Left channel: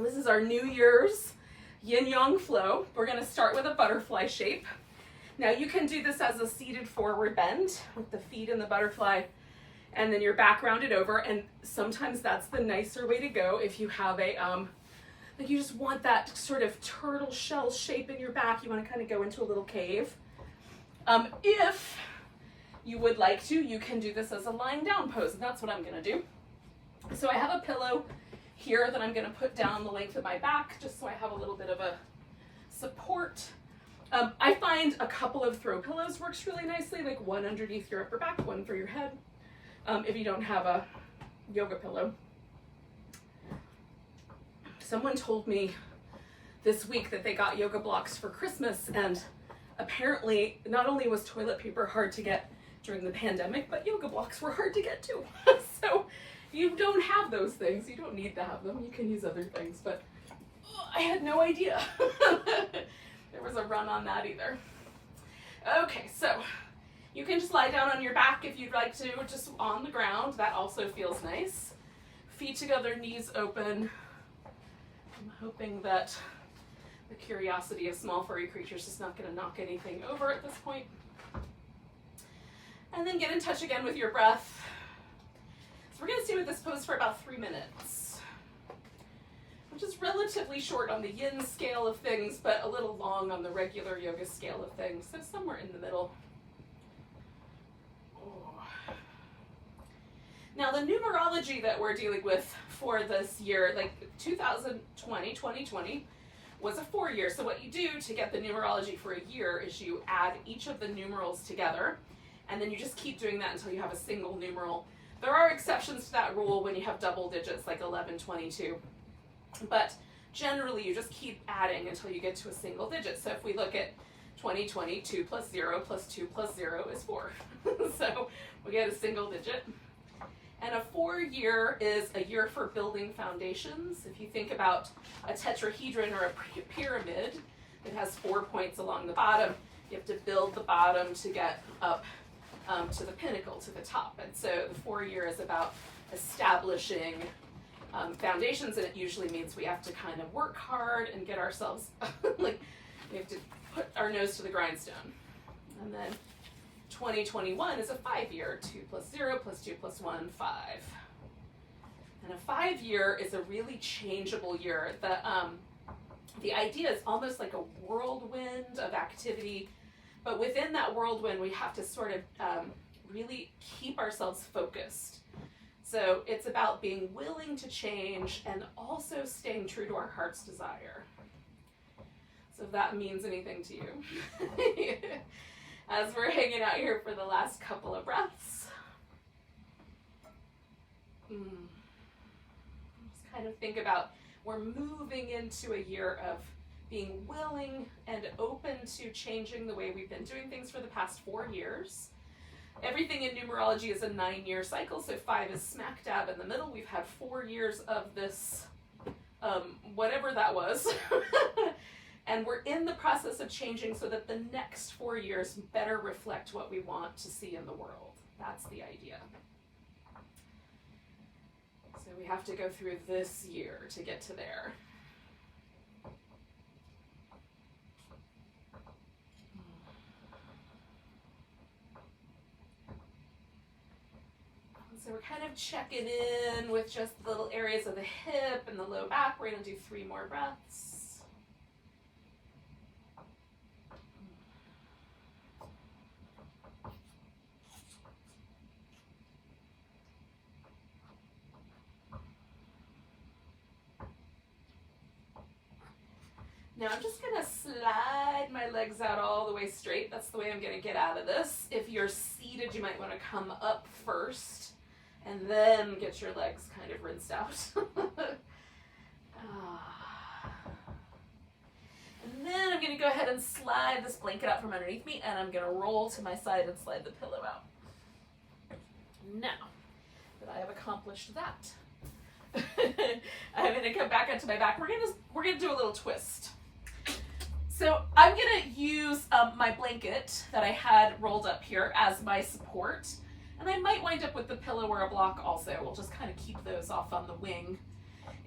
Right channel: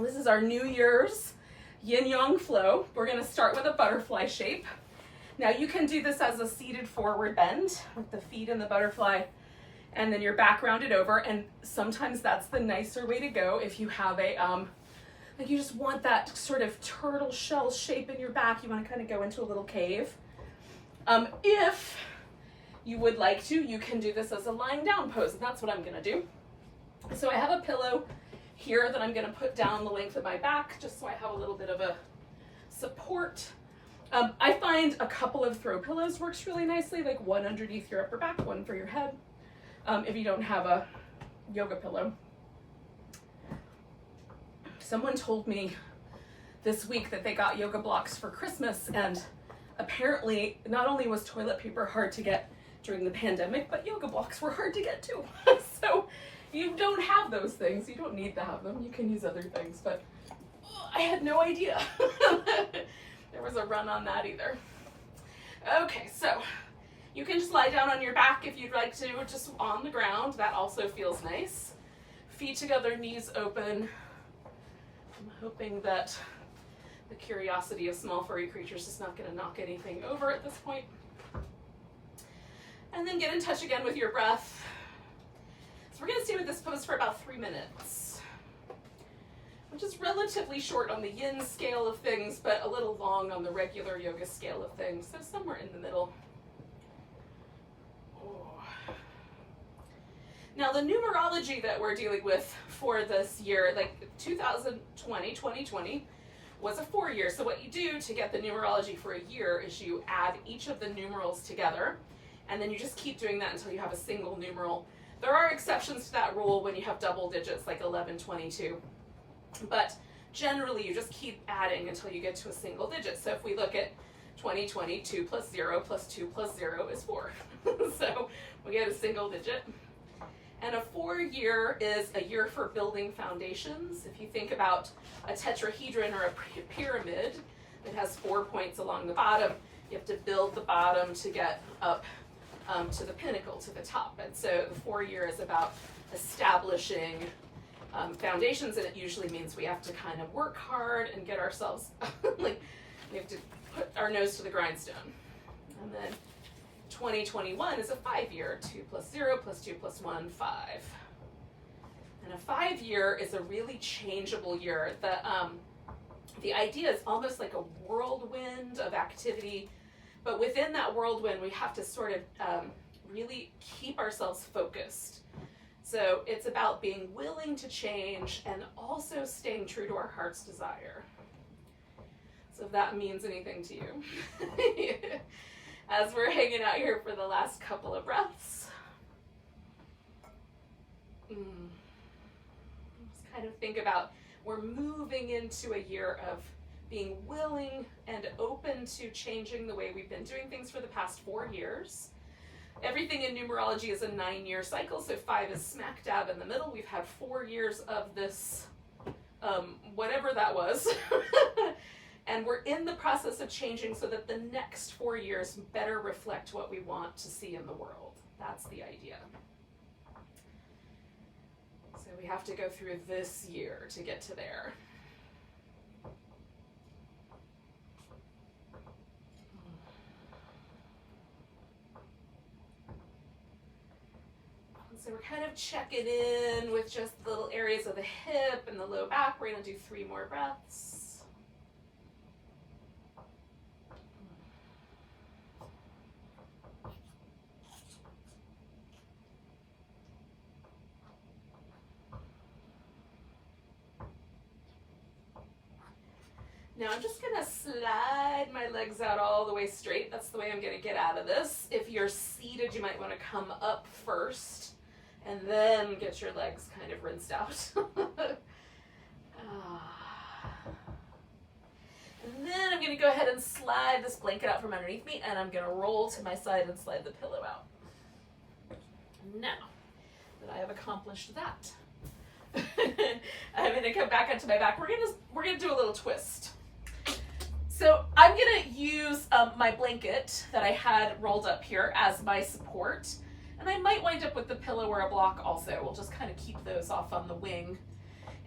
This is our New Year's yin-yang flow. We're gonna start with a butterfly shape. Now you can do this as a seated forward bend with the feet in the butterfly and then your back rounded over, and sometimes that's the nicer way to go if you have a, like you just want that sort of turtle shell shape in your back. You wanna kind of go into a little cave. If you would like to, you can do this as a lying down pose, and that's what I'm gonna do. So I have a pillow here that I'm gonna put down the length of my back, just so I have a little bit of a support. I find a couple of throw pillows works really nicely, like one underneath your upper back, one for your head, if you don't have a yoga pillow. Someone told me this week that they got yoga blocks for Christmas, and apparently not only was toilet paper hard to get during the pandemic, but yoga blocks were hard to get too. So you don't have those things. You don't need to have them. You can use other things, but I had no idea there was a run on that either. Okay, so you can just lie down on your back if you'd like to, just on the ground. That also feels nice. Feet together, knees open. I'm hoping that the curiosity of small furry creatures is not going to knock anything over at this point. And then get in touch again with your breath. So we're going to stay with this pose for about 3 minutes, which is relatively short on the yin scale of things, but a little long on the regular yoga scale of things. So somewhere in the middle. Oh. Now the numerology that we're dealing with for this year, like 2020, was a 4-year. So what you do to get the numerology for a year is you add each of the numerals together, and then you just keep doing that until you have a single numeral. There are exceptions to that rule when you have double digits like 11, 22. But generally you just keep adding until you get to a single digit. So if we look at 2020, 2 plus 0 plus 2 plus 0 is 4. So we get a single digit. And a 4-year is a year for building foundations. If you think about a tetrahedron or a pyramid, it has 4 points along the bottom. You have to build the bottom to get up to the pinnacle, to the top. And so the 4-year is about establishing foundations, and it usually means we have to kind of work hard and get ourselves, like we have to put our nose to the grindstone. And then 2021 is a 5-year, 2 plus 0 plus 2 plus 1, 5. And a 5-year is a really changeable year. The idea is almost like a whirlwind of activity, but within that whirlwind, we have to sort of really keep ourselves focused. So it's about being willing to change and also staying true to our heart's desire. So if that means anything to you. As we're hanging out here for the last couple of breaths. Just kind of think about, we're moving into a year of being willing and open to changing the way we've been doing things for the past 4 years. Everything in numerology is a 9-year cycle, so 5 is smack dab in the middle. We've had 4 years of this, whatever that was. And we're in the process of changing so that the next 4 years better reflect what we want to see in the world. That's the idea. So we have to go through this year to get to there. So we're kind of checking in with just the little areas of the hip and the low back. We're going to do 3 more breaths. Now I'm just gonna slide my legs out all the way straight. That's the way I'm gonna get out of this. If you're seated, you might wanna come up first and then get your legs kind of rinsed out. And then I'm gonna go ahead and slide this blanket out from underneath me, and I'm gonna roll to my side and slide the pillow out. Now that I have accomplished that, I'm gonna come back onto my back. We're gonna do a little twist. So I'm gonna use my blanket that I had rolled up here as my support, and I might wind up with the pillow or a block also. We'll just kind of keep those off on the wing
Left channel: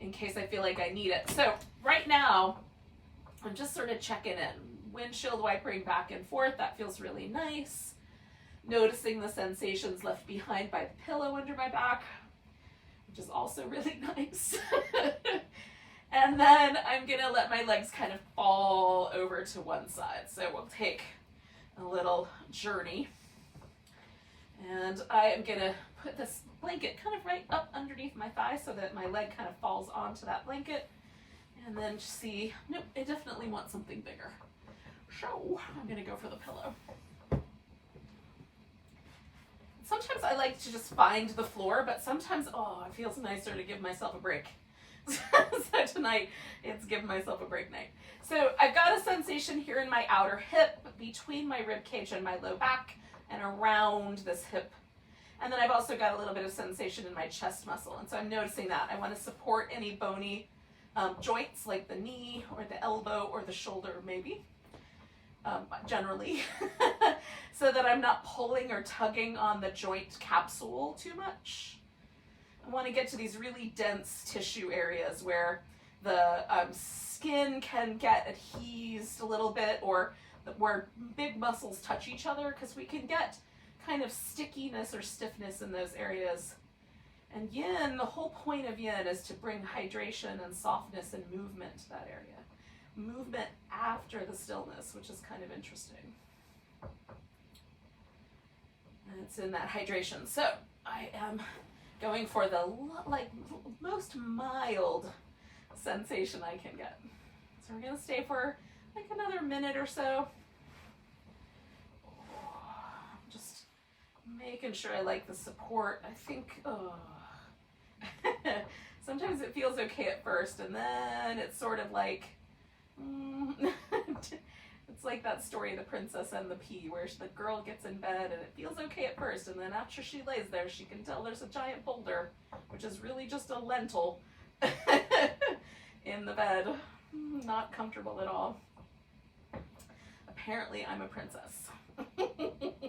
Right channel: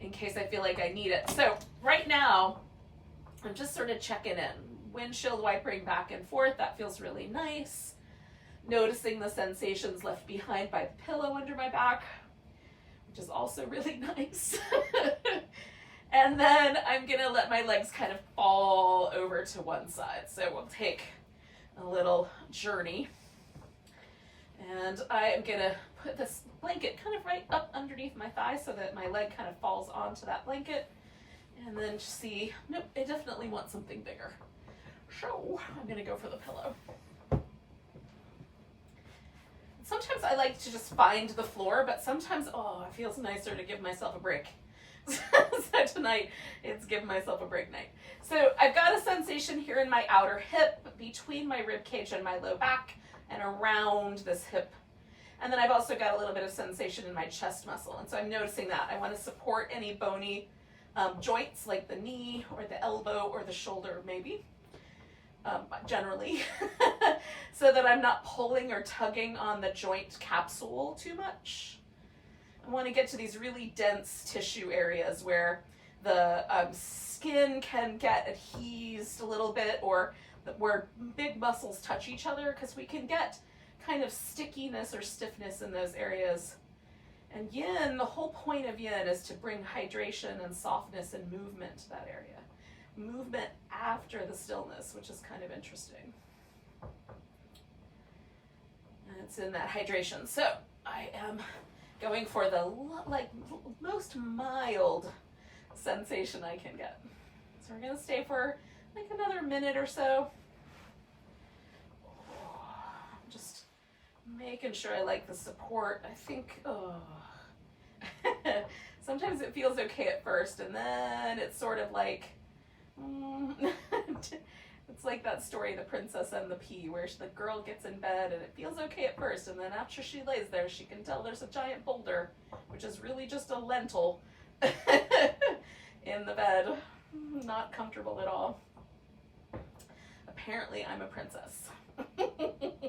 in case I feel like I need it. So right now, I'm just sort of checking in. Windshield wipering back and forth, that feels really nice. Noticing the sensations left behind by the pillow under my back, which is also really nice. And then I'm gonna let my legs kind of fall over to one side. So we'll take a little journey. And I am gonna put this blanket kind of right up underneath my thigh so that my leg kind of falls onto that blanket. And then see, nope, I definitely want something bigger. So I'm gonna go for the pillow. Sometimes I like to just find the floor, but sometimes, oh, it feels nicer to give myself a break. So tonight, it's give myself a break night. So I've got a sensation here in my outer hip, between my rib cage and my low back, and around this hip. And then I've also got a little bit of sensation in my chest muscle. And so I'm noticing that. I want to support any bony joints like the knee or the elbow or the shoulder maybe, generally, so that I'm not pulling or tugging on the joint capsule too much. I want to get to these really dense tissue areas where the skin can get adhesed a little bit, or where big muscles touch each other, because we can get kind of stickiness or stiffness in those areas. And yin, the whole point of yin is to bring hydration and softness and movement to that area. Movement after the stillness, which is kind of interesting. And it's in that hydration. So I am going for the most mild sensation I can get. So we're gonna stay for like another minute or so. Just making sure I like the support. I think, sometimes it feels okay at first, and then it's sort of like, it's like that story, The Princess and the Pea, where the girl gets in bed and it feels okay at first, and then after she lays there, she can tell there's a giant boulder, which is really just a lentil in the bed. Not comfortable at all. Apparently, I'm a princess. So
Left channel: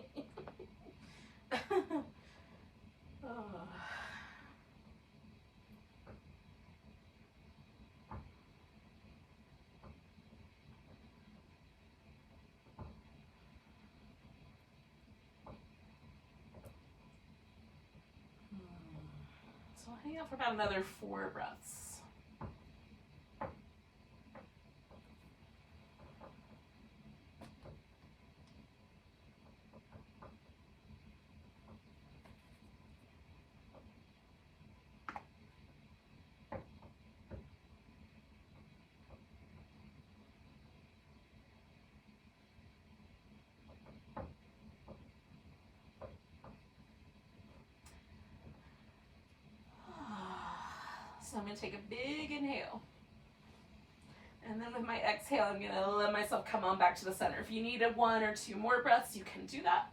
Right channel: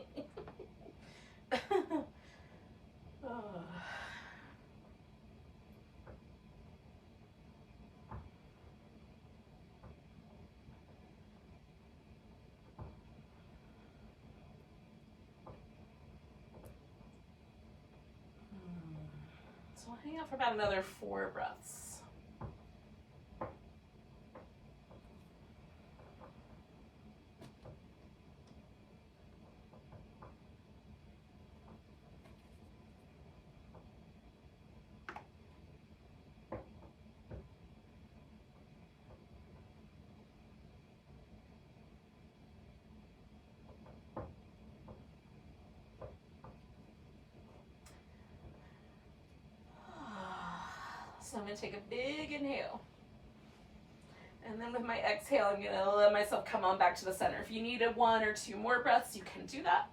I'll hang out for about another 4 breaths. So I'm going to take a big inhale. And then with my exhale, I'm going to let myself come on back to the center. If you needed 1 or 2 more breaths, you can do that.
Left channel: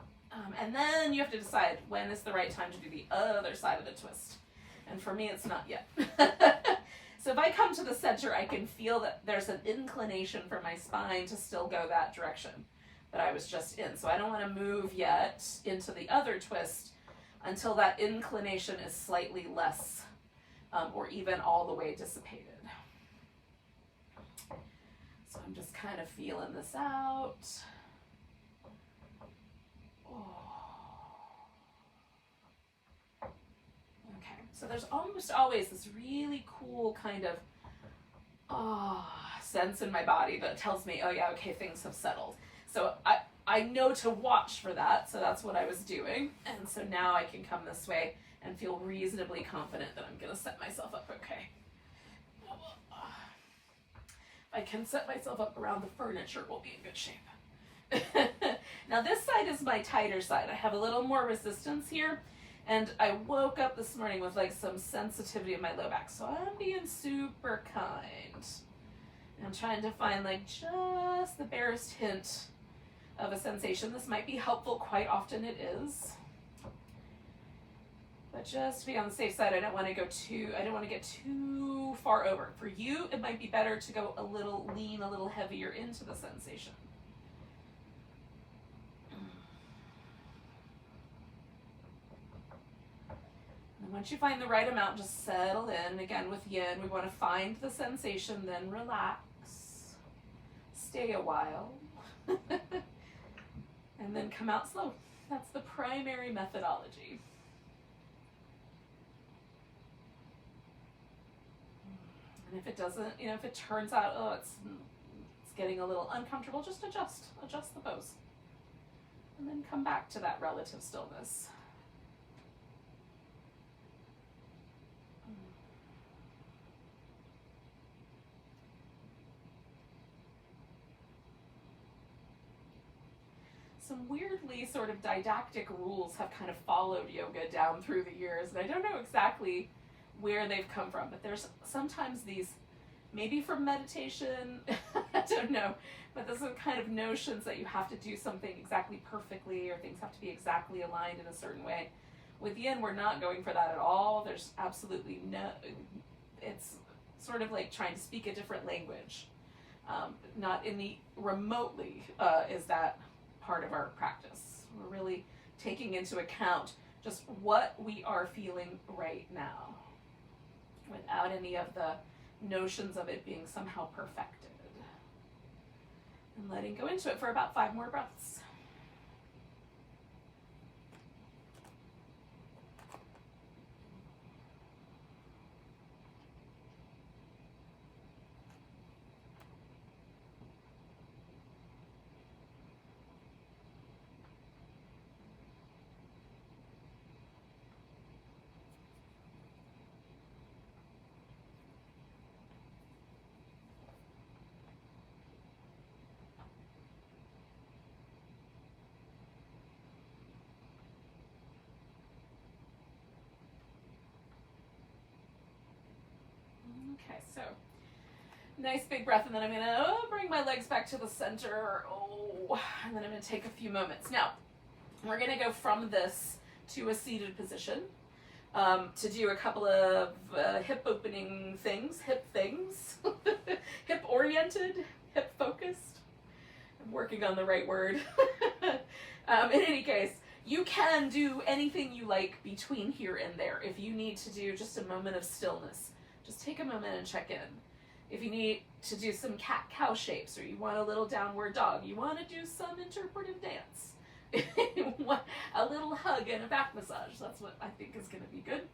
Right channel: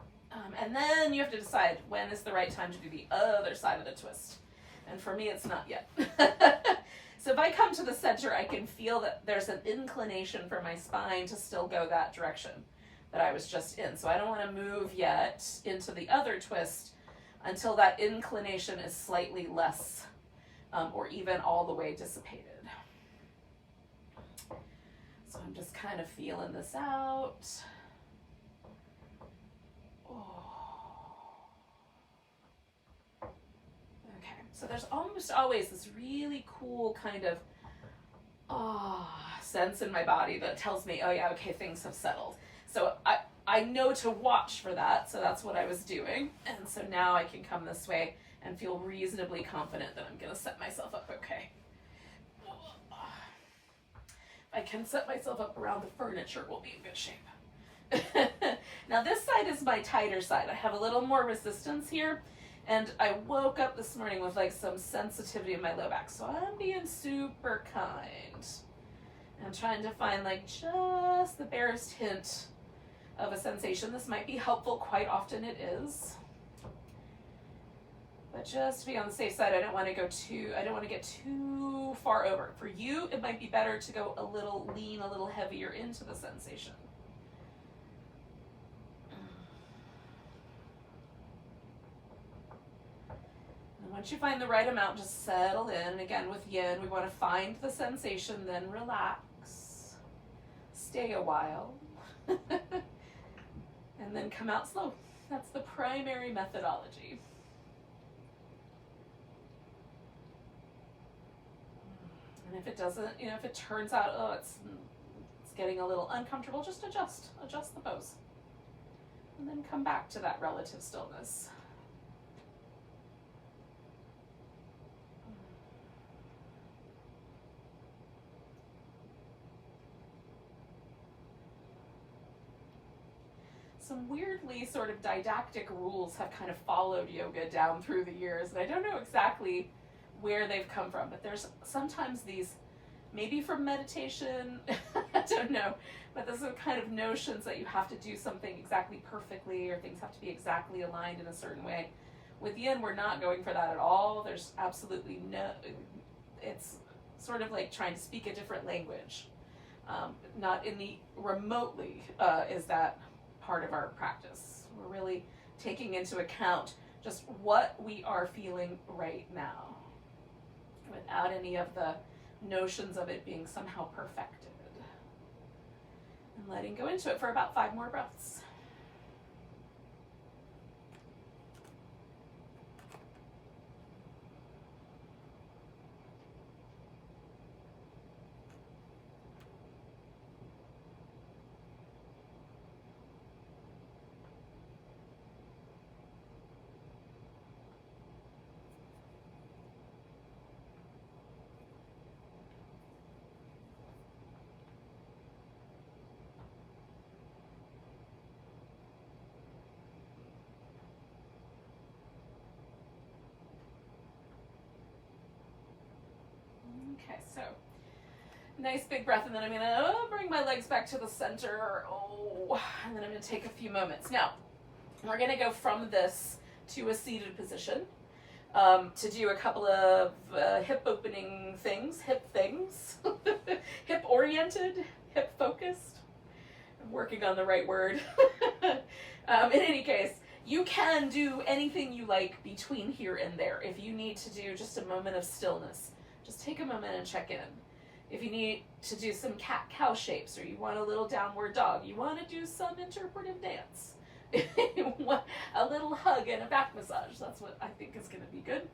And then you have to decide when is the right time to do the other side of the twist. And for me, it's not yet. So if I come to the center, I can feel that there's an inclination for my spine to still go that direction that I was just in. So I don't want to move yet into the other twist until that inclination is slightly less, or even all the way dissipated. So I'm just kind of feeling this out. Okay, so there's almost always this really cool kind of sense in my body that tells me, oh yeah, okay, things have settled. So I know to watch for that, so that's what I was doing. And so now I can come this way and feel reasonably confident that I'm gonna set myself up okay. If I can set myself up around the furniture, we'll be in good shape. Now this side is my tighter side. I have a little more resistance here, and I woke up this morning with like some sensitivity in my low back, so I'm being super kind. I'm trying to find like just the barest hint of a sensation. This might be helpful, quite often it is. But just to be on the safe side, I don't want to get too far over. For you, it might be better to go a little lean, a little heavier into the sensation. I'm Once you find the right amount, just settle in. Again, with yin, we want to find the sensation, then relax. Stay a while. And then come out slow. That's the primary methodology. And if it doesn't, if it turns out, oh, it's getting a little uncomfortable, just adjust the pose. And then come back to that relative stillness. Some weirdly sort of didactic rules have kind of followed yoga down through the years, and I don't know exactly where they've come from, but there's sometimes these, maybe from meditation, I don't know, but there's some kind of notions that you have to do something exactly perfectly, or things have to be exactly aligned in a certain way. With yin, we're not going for that at all. There's absolutely no, it's sort of like trying to speak a different language. Not in the remotely is that part of our practice. We're really taking into account just what we are feeling right now, without any of the notions of it being somehow perfected. And letting go into it for about 5 more breaths. Okay, so nice big breath, and then I'm gonna bring my legs back to the center. And then I'm gonna take a few moments. Now, we're gonna go from this to a seated position to do a couple of hip opening things, hip oriented, hip focused. I'm working on the right word. In any case, you can do anything you like between here and there. If you need to do just a moment of stillness, just take a moment and check in. If you need to do some cat-cow shapes, or you want a little downward dog, you want to do some interpretive dance, you want a little hug and a back massage, that's what I think is going to be good,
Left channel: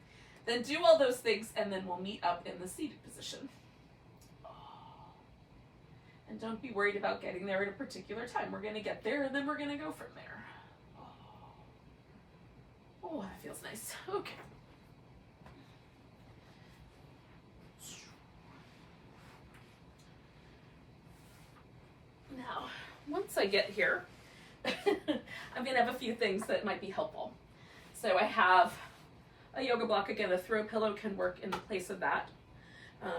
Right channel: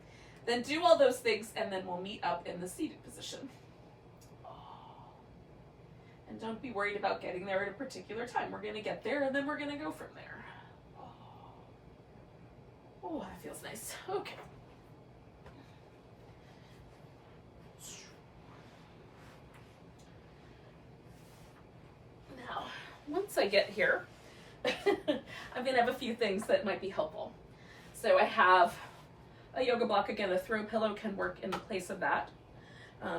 then do all those things, and then we'll meet up in the seated position. And don't be worried about getting there at a particular time. We're going to get there, and then we're going to go from there. Oh, that feels nice. Okay. Now, once I get here, I'm going to have a few things that might be helpful. So I have a yoga block. Again, a throw pillow can work in the place of that,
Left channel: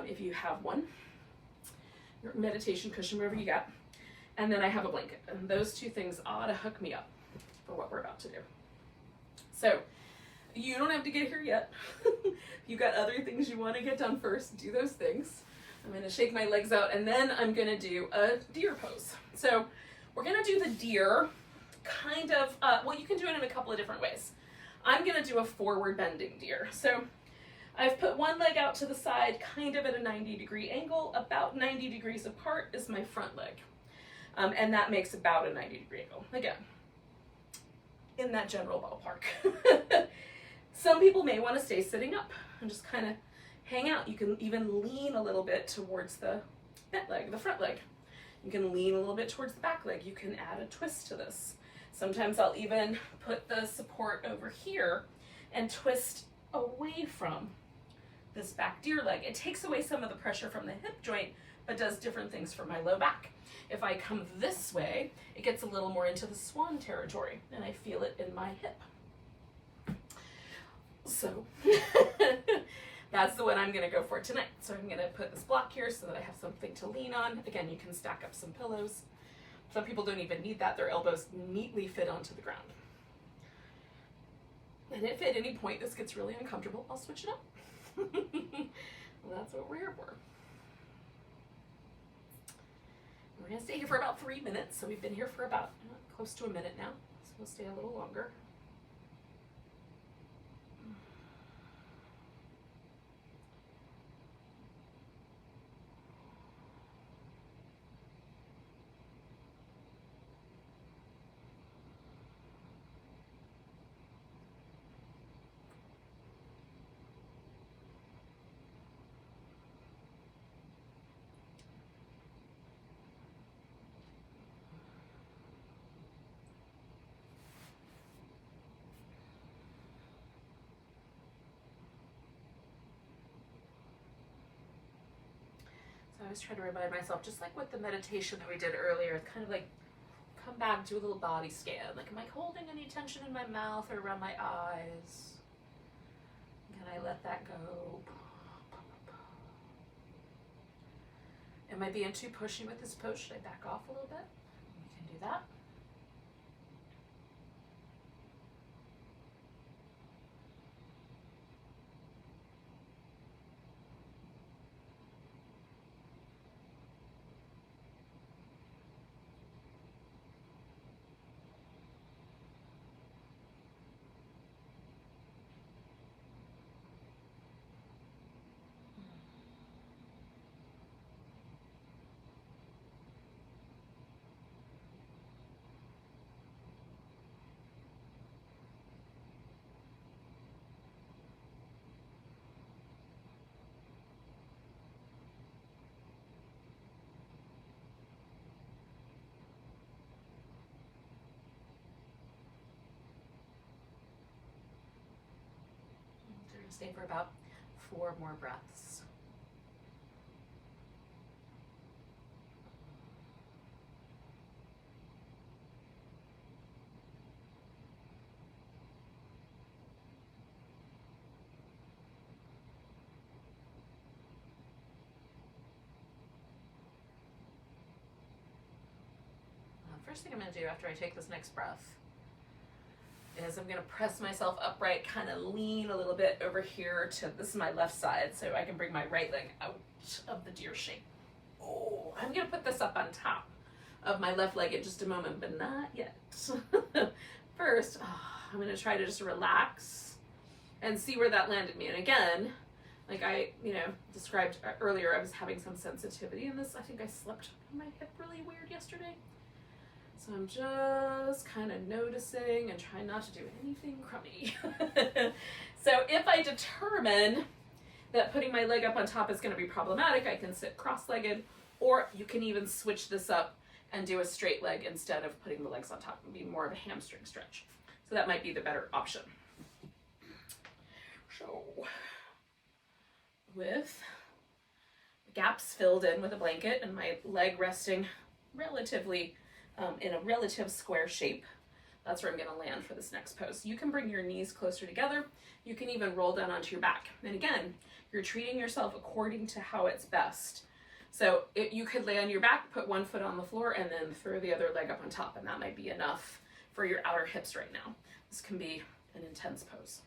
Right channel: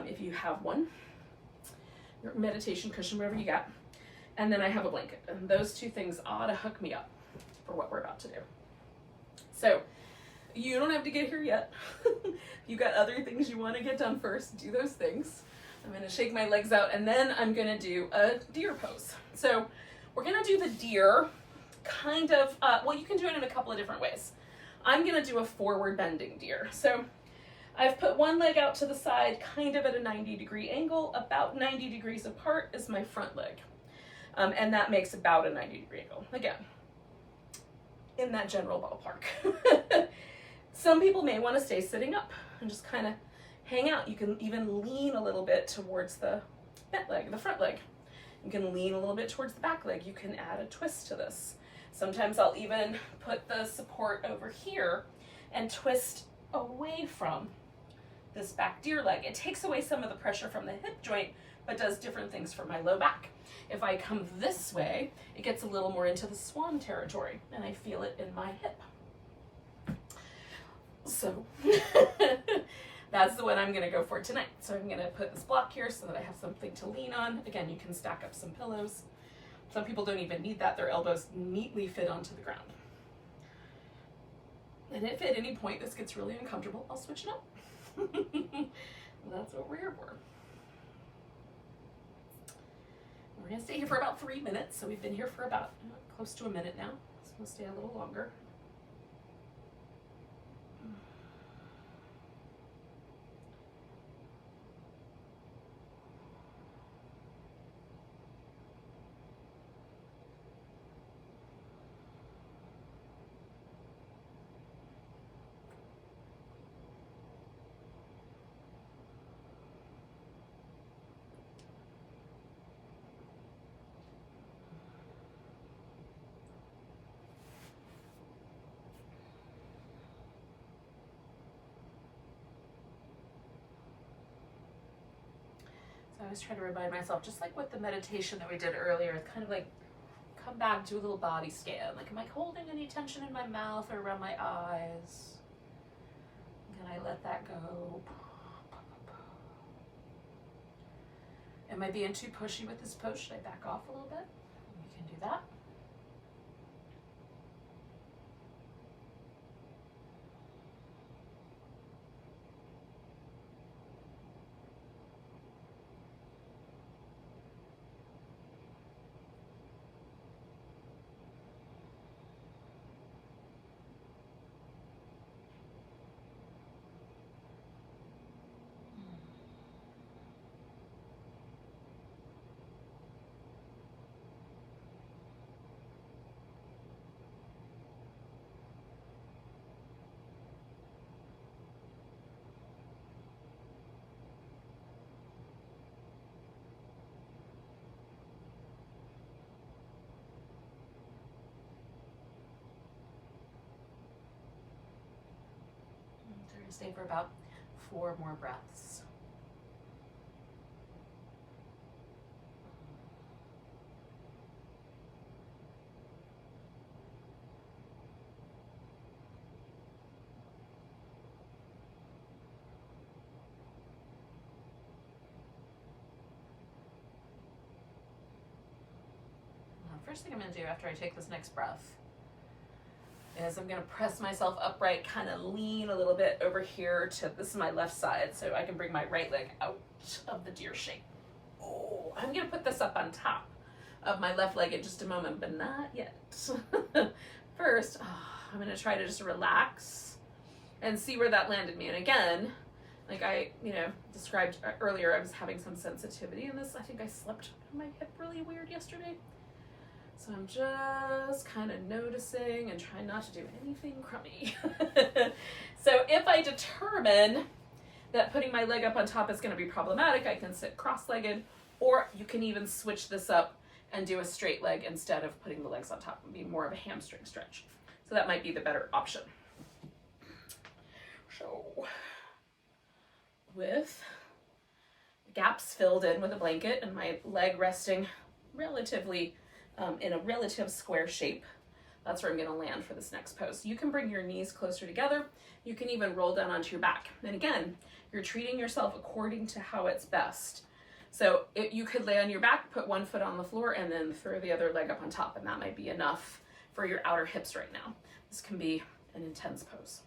if you have one. Your meditation cushion, wherever you got. And then I have a blanket. And those two things ought to hook me up for what we're about to do. So you don't have to get here yet. If you've got other things you want to get done first, do those things. I'm going to shake my legs out, and then I'm going to do a deer pose. So we're going to do the deer kind of, well, you can do it in a couple of different ways. I'm going to do a forward bending deer. So I've put one leg out to the side, kind of at a 90-degree angle. About 90 degrees apart is my front leg. And that makes about a 90-degree angle. Again, in that general ballpark. Some people may want to stay sitting up and just kind of hang out. You can even lean a little bit towards the bent leg, the front leg. You can lean a little bit towards the back leg. You can add a twist to this. Sometimes I'll even put the support over here and twist away from this back deer leg. It takes away some of the pressure from the hip joint, but does different things for my low back. If I come this way, it gets a little more into the swan territory, and I feel it in my hip. So that's the one I'm going to go for tonight. So I'm going to put this block here so that I have something to lean on. Again, you can stack up some pillows. Some people don't even need that. Their elbows neatly fit onto the ground. And if at any point this gets really uncomfortable, I'll switch it up. Well, that's what we're here for. We're going to stay here for about 3 minutes. So we've been here for about close to a minute now. So we'll stay a little longer. So I always try to remind myself, just like with the meditation that we did earlier, it's kind of like come back, do a little body scan. Like, am I holding any tension in my mouth or around my eyes? Can I let that go? Am I being too pushy with this pose? Should I back off a little bit? We can do that. We're going to stay for about 4 more breaths. First thing I'm going to do after I take this next breath is I'm going to press myself upright, kind of lean a little bit over here to, this is my left side, so I can bring my right leg out of the deer shape. Oh, I'm going to put this up on top of my left leg in just a moment, but not yet. First, I'm going to try to just relax and see where that landed me. And again, like I, described earlier, I was having some sensitivity in this. I think I slept on my hip really weird yesterday. So I'm just kind of noticing and trying not to do anything crummy. So if I determine that putting my leg up on top is going to be problematic, I can sit cross-legged, or you can even switch this up and do a straight leg instead of putting the legs on top. It would be more of a hamstring stretch. So that might be the better option. So with gaps filled in with a blanket and my leg resting relatively in a relative square shape, that's where I'm going to land for this next pose. You can bring your knees closer together. You can even roll down onto your back. And again, you're treating yourself according to how it's best. So you could lay on your back, put one foot on the floor, and then throw the other leg up on top, and that might be enough for your outer hips right now. This can be an intense pose.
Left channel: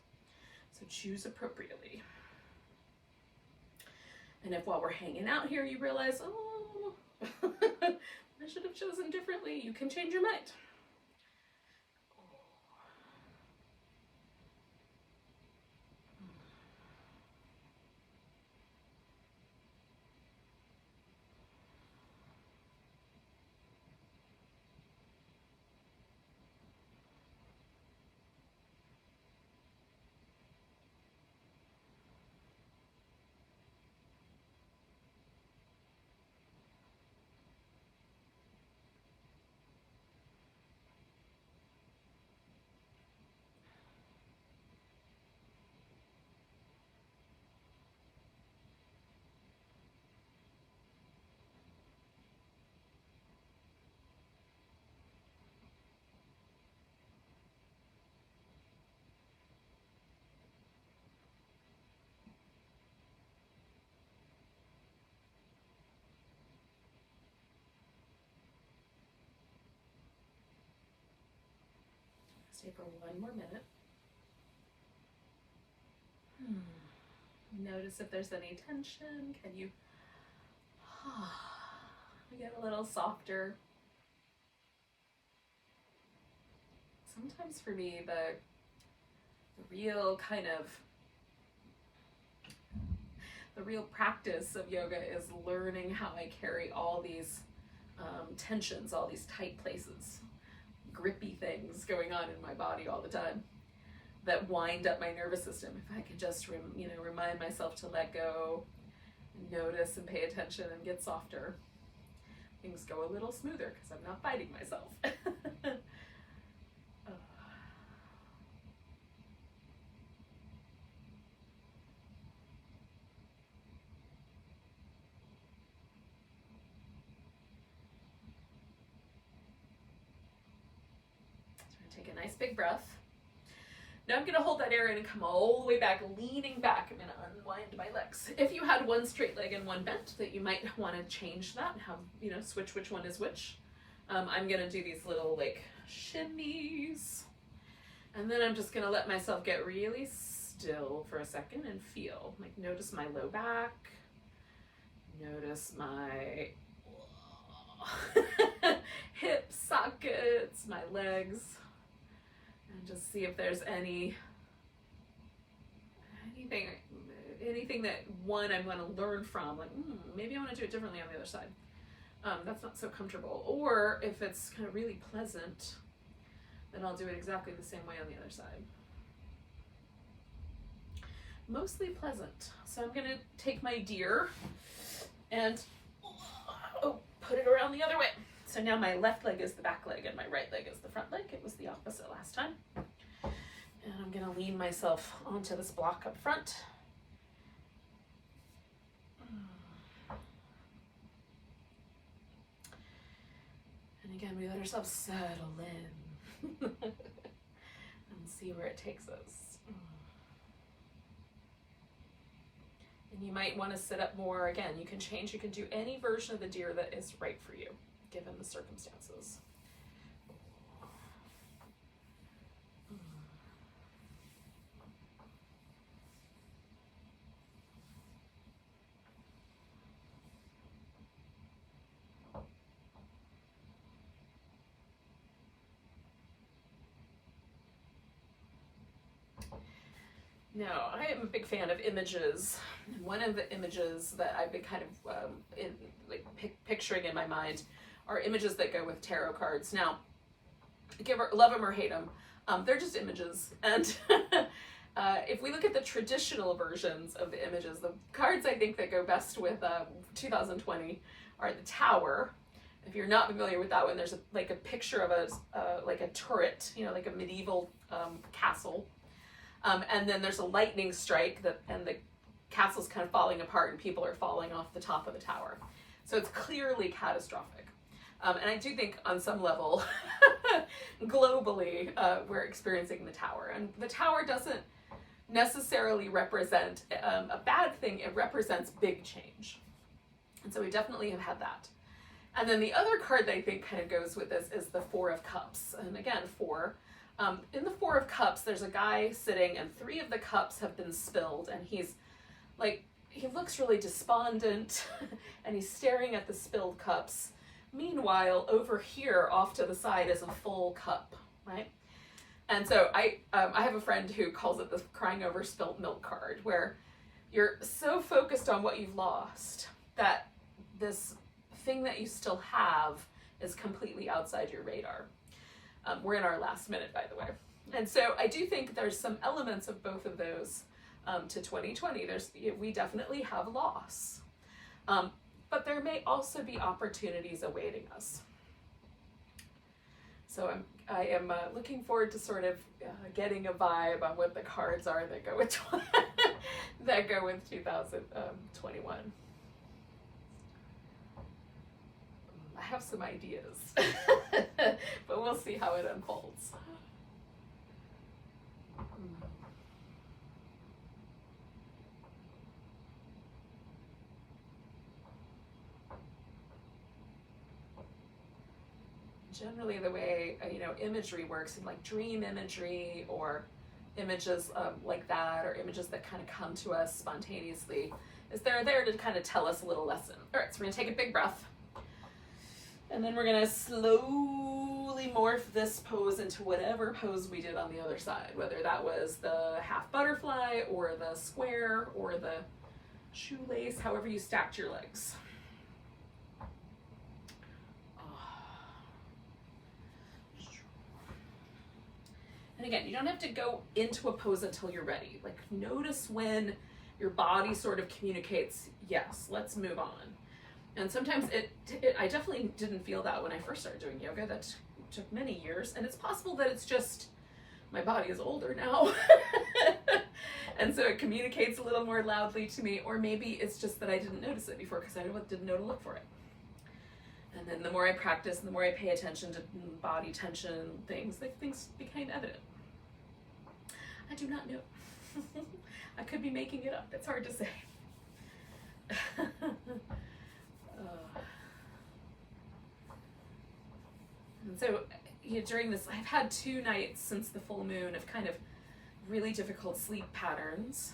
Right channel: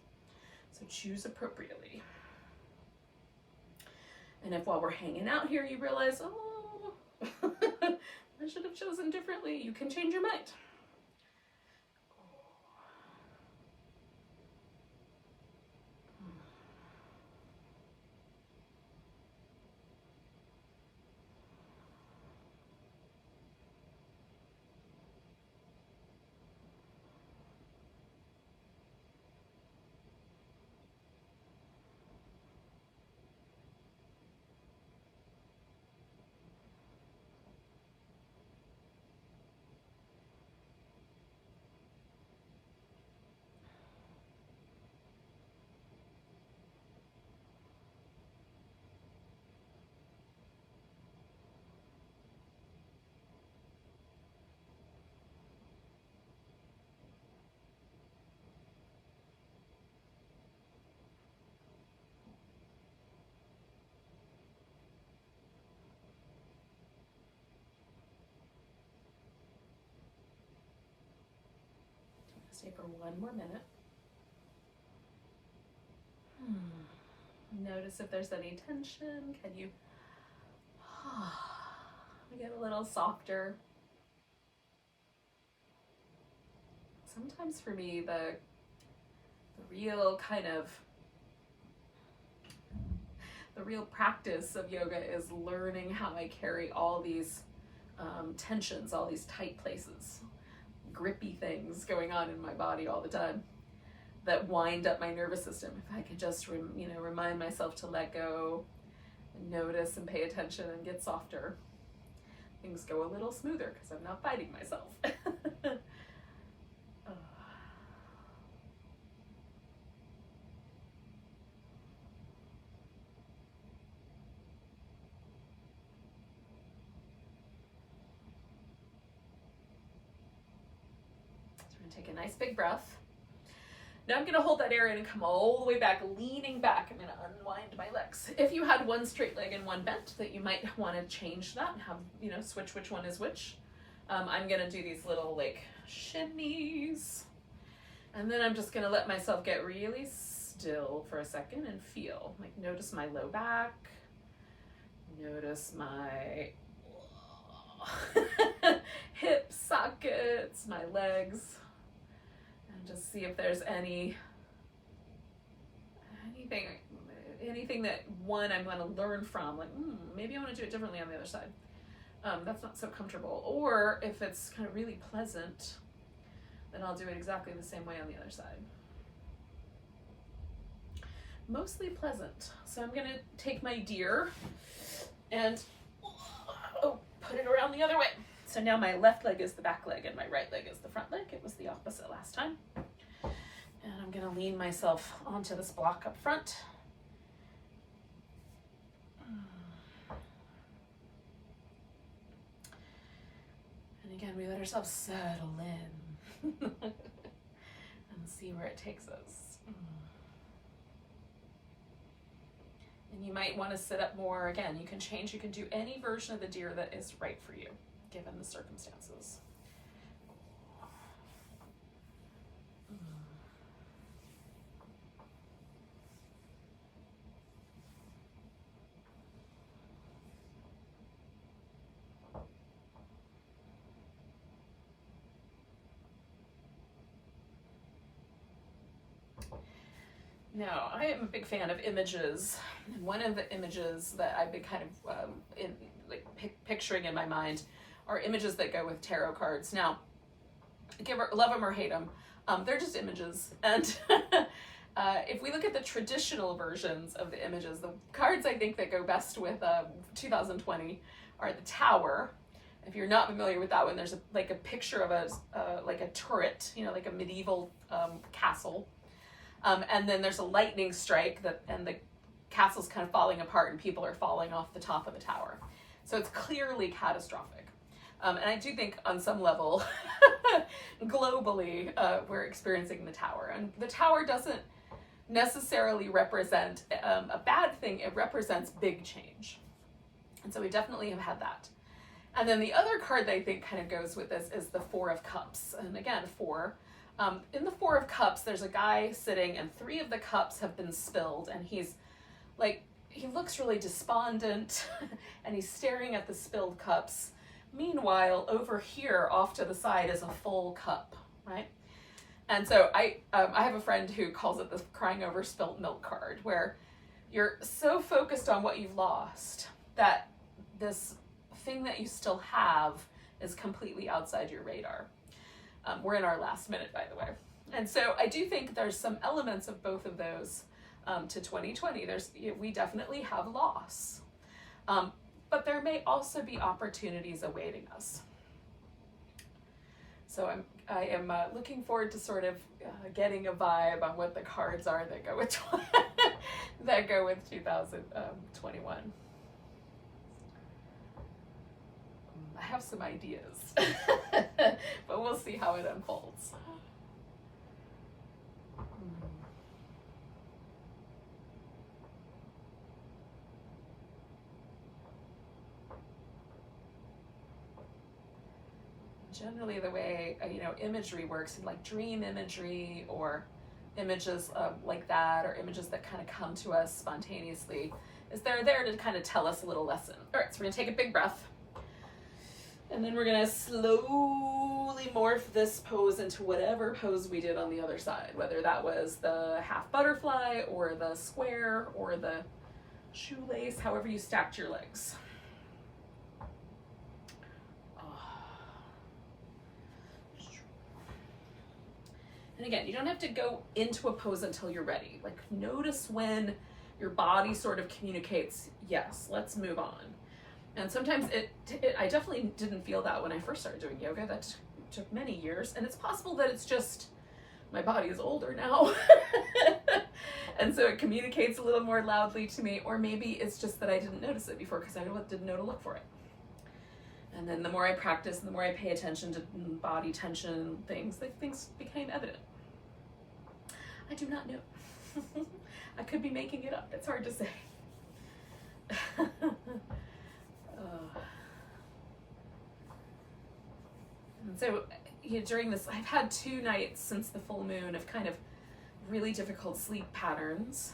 So choose appropriately. And if while we're hanging out here, you realize, oh, I should have chosen differently, you can change your mind. Stay for 1 more minute. Notice if there's any tension. Can you get a little softer? Sometimes for me, the real practice of yoga is learning how I carry all these tensions, all these tight places, grippy things going on in my body all the time that wind up my nervous system. If I could just remind myself to let go and notice and pay attention and get softer, things go a little smoother because I'm not fighting myself. a nice big breath. Now I'm going to hold that air in and come all the way back, leaning back. I'm going to unwind my legs. If you had one straight leg and one bent, that you might want to change that and have, you know, switch which one is which. I'm going to do these little like shimmies. And then I'm just going to let myself get really still for a second and feel. Like notice my low back. Notice my hip sockets, my legs. And just see if there's anything that one I'm going to learn from, like maybe I want to do it differently on the other side. That's not so comfortable. Or if it's kind of really pleasant, then I'll do it exactly the same way on the other side. Mostly pleasant. So I'm going to take my deer and put it around the other way. So now my left leg is the back leg and my right leg is the front leg. It was the opposite last time. And I'm going to lean myself onto this block up front. And again, we let ourselves settle in and see where it takes us. And you might want to sit up more. Again, you can change. You can do any version of the deer that is right for you, given the circumstances. Now, I am a big fan of images. One of the images that I've been kind of picturing in my mind are images that go with tarot cards. Now, love them or hate them, they're just images. And if we look at the traditional versions of the images, the cards I think that go best with 2020 are the Tower. If you're not familiar with that one, there's a picture of a turret, you know, like a medieval castle. And then there's a lightning strike and the castle's kind of falling apart and people are falling off the top of the tower. So it's clearly catastrophic. And I do think on some level, globally, we're experiencing the Tower. And the Tower doesn't necessarily represent a bad thing. It represents big change. And so we definitely have had that. And then the other card that I think kind of goes with this is the Four of Cups. And again, four. In the Four of Cups, there's a guy sitting and 3 of the cups have been spilled and he looks really despondent and he's staring at the spilled cups. Meanwhile, over here off to the side is a full cup, right? And so I have a friend who calls it the crying over spilt milk card, where you're so focused on what you've lost that this thing that you still have is completely outside your radar. We're in our last minute, by the way. And so I do think there's some elements of both of those to 2020. We definitely have loss, but there may also be opportunities awaiting us. So I am looking forward to sort of getting a vibe on what the cards are that go with that go with 2021. I have some ideas, but we'll see how it unfolds. Generally, the way imagery works, in like dream imagery or images like that, or images that kind of come to us spontaneously, is they're there to kind of tell us a little lesson. All right, so we're gonna take a big breath. And then we're gonna slowly morph this pose into whatever pose we did on the other side, whether that was the half butterfly or the square or the shoelace, however you stacked your legs. And again, you don't have to go into a pose until you're ready. Like, notice when your body sort of communicates, yes, let's move on. And sometimes I definitely didn't feel that when I first started doing yoga. That took many years. And it's possible that it's just my body is older now. And so it communicates a little more loudly to me. Or maybe it's just that I didn't notice it before because I didn't know to look for it. And then the more I practice and the more I pay attention to body tension, things became evident. I do not know. I could be making it up. It's hard to say. And so, during this, I've had 2 nights since the full moon of kind of really difficult sleep patterns,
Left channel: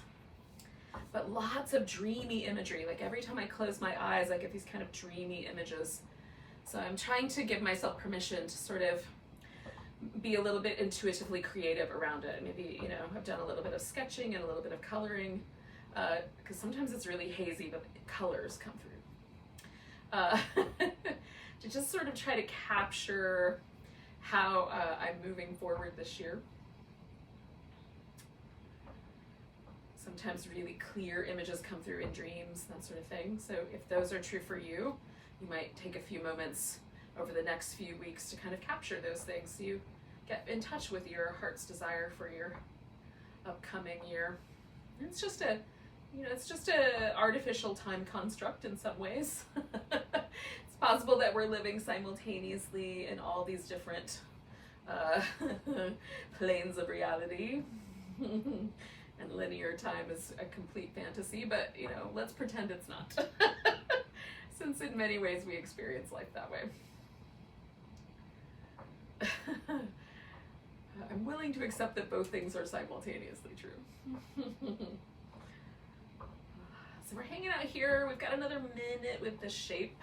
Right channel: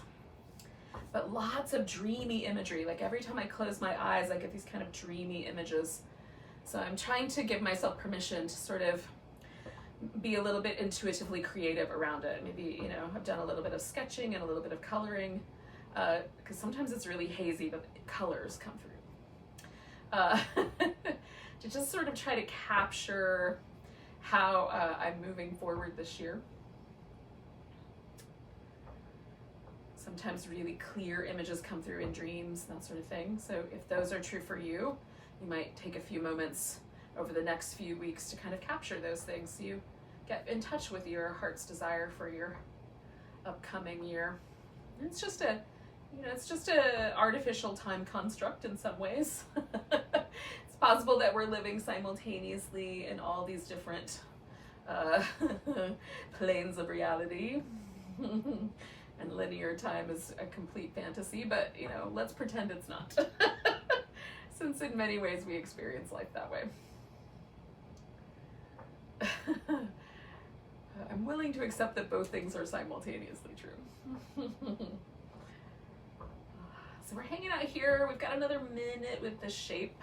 but lots of dreamy imagery. Like every time I close my eyes, I get these kind of dreamy images. So I'm trying to give myself permission to sort of be a little bit intuitively creative around it. Maybe, I've done a little bit of sketching and a little bit of coloring, because sometimes it's really hazy, but colors come through. To just sort of try to capture how I'm moving forward this year. Sometimes really clear images come through in dreams, that sort of thing. So if those are true for you, you might take a few moments over the next few weeks to kind of capture those things so you get in touch with your heart's desire for your upcoming year. And it's just a artificial time construct in some ways. It's possible that we're living simultaneously in all these different planes of reality. And linear time is a complete fantasy, but let's pretend it's not. Since in many ways we experience life that way. I'm willing to accept that both things are simultaneously true. So we're hanging out here. We've got another minute with the shape.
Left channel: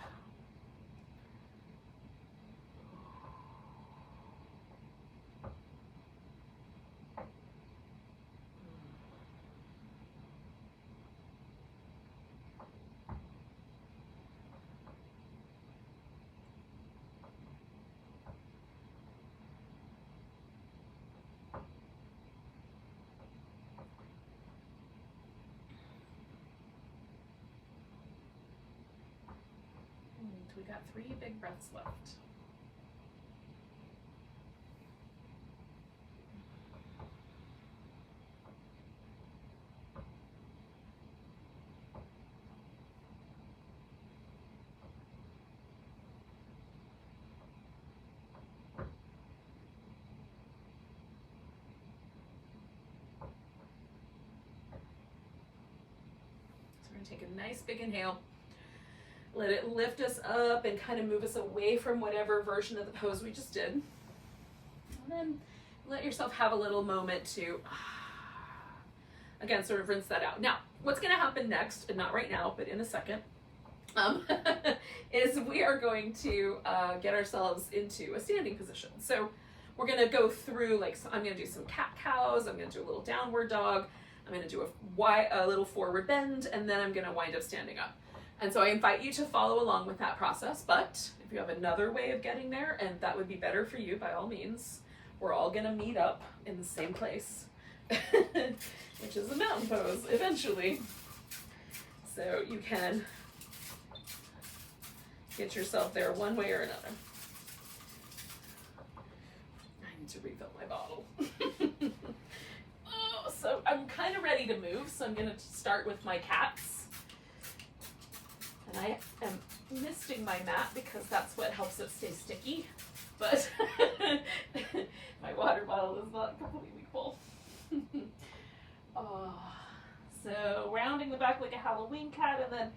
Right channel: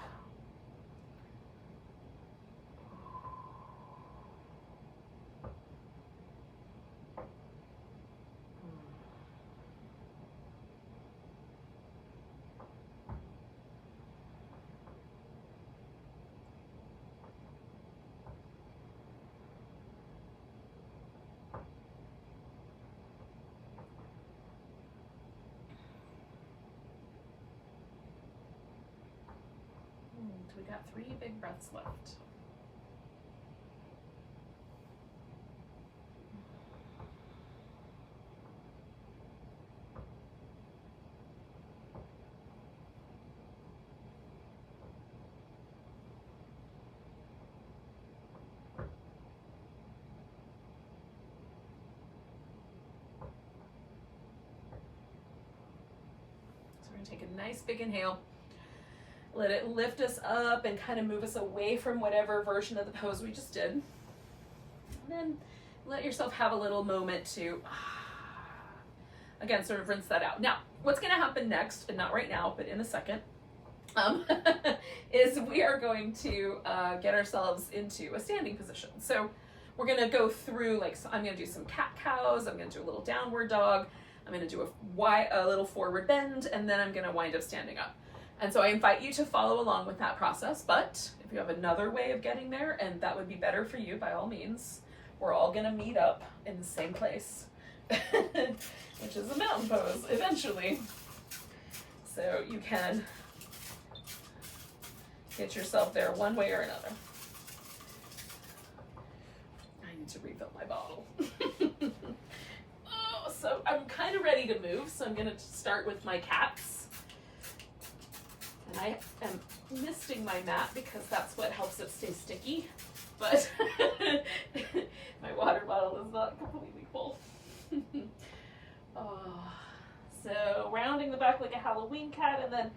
We got 3 big breaths left. So we're going to take a nice big inhale. Let it lift us up and kind of move us away from whatever version of the pose we just did. And then let yourself have a little moment to, again, sort of rinse that out. Now, what's going to happen next, and not right now, but in a second, is we are going to get ourselves into a standing position. So we're going to go through, so I'm going to do some cat-cows, I'm going to do a little downward dog, I'm going to do a little forward bend, and then I'm going to wind up standing up. And so I invite you to follow along with that process, but if you have another way of getting there, and that would be better for you, by all means, we're all gonna meet up in the same place, which is a mountain pose, eventually. So you can get yourself there one way or another. I need to refill my bottle. So I'm kind of ready to move, so I'm gonna start with my cats. And I am misting my mat because that's what helps it stay sticky, but my water bottle is not completely full. So rounding the back like a Halloween cat, and then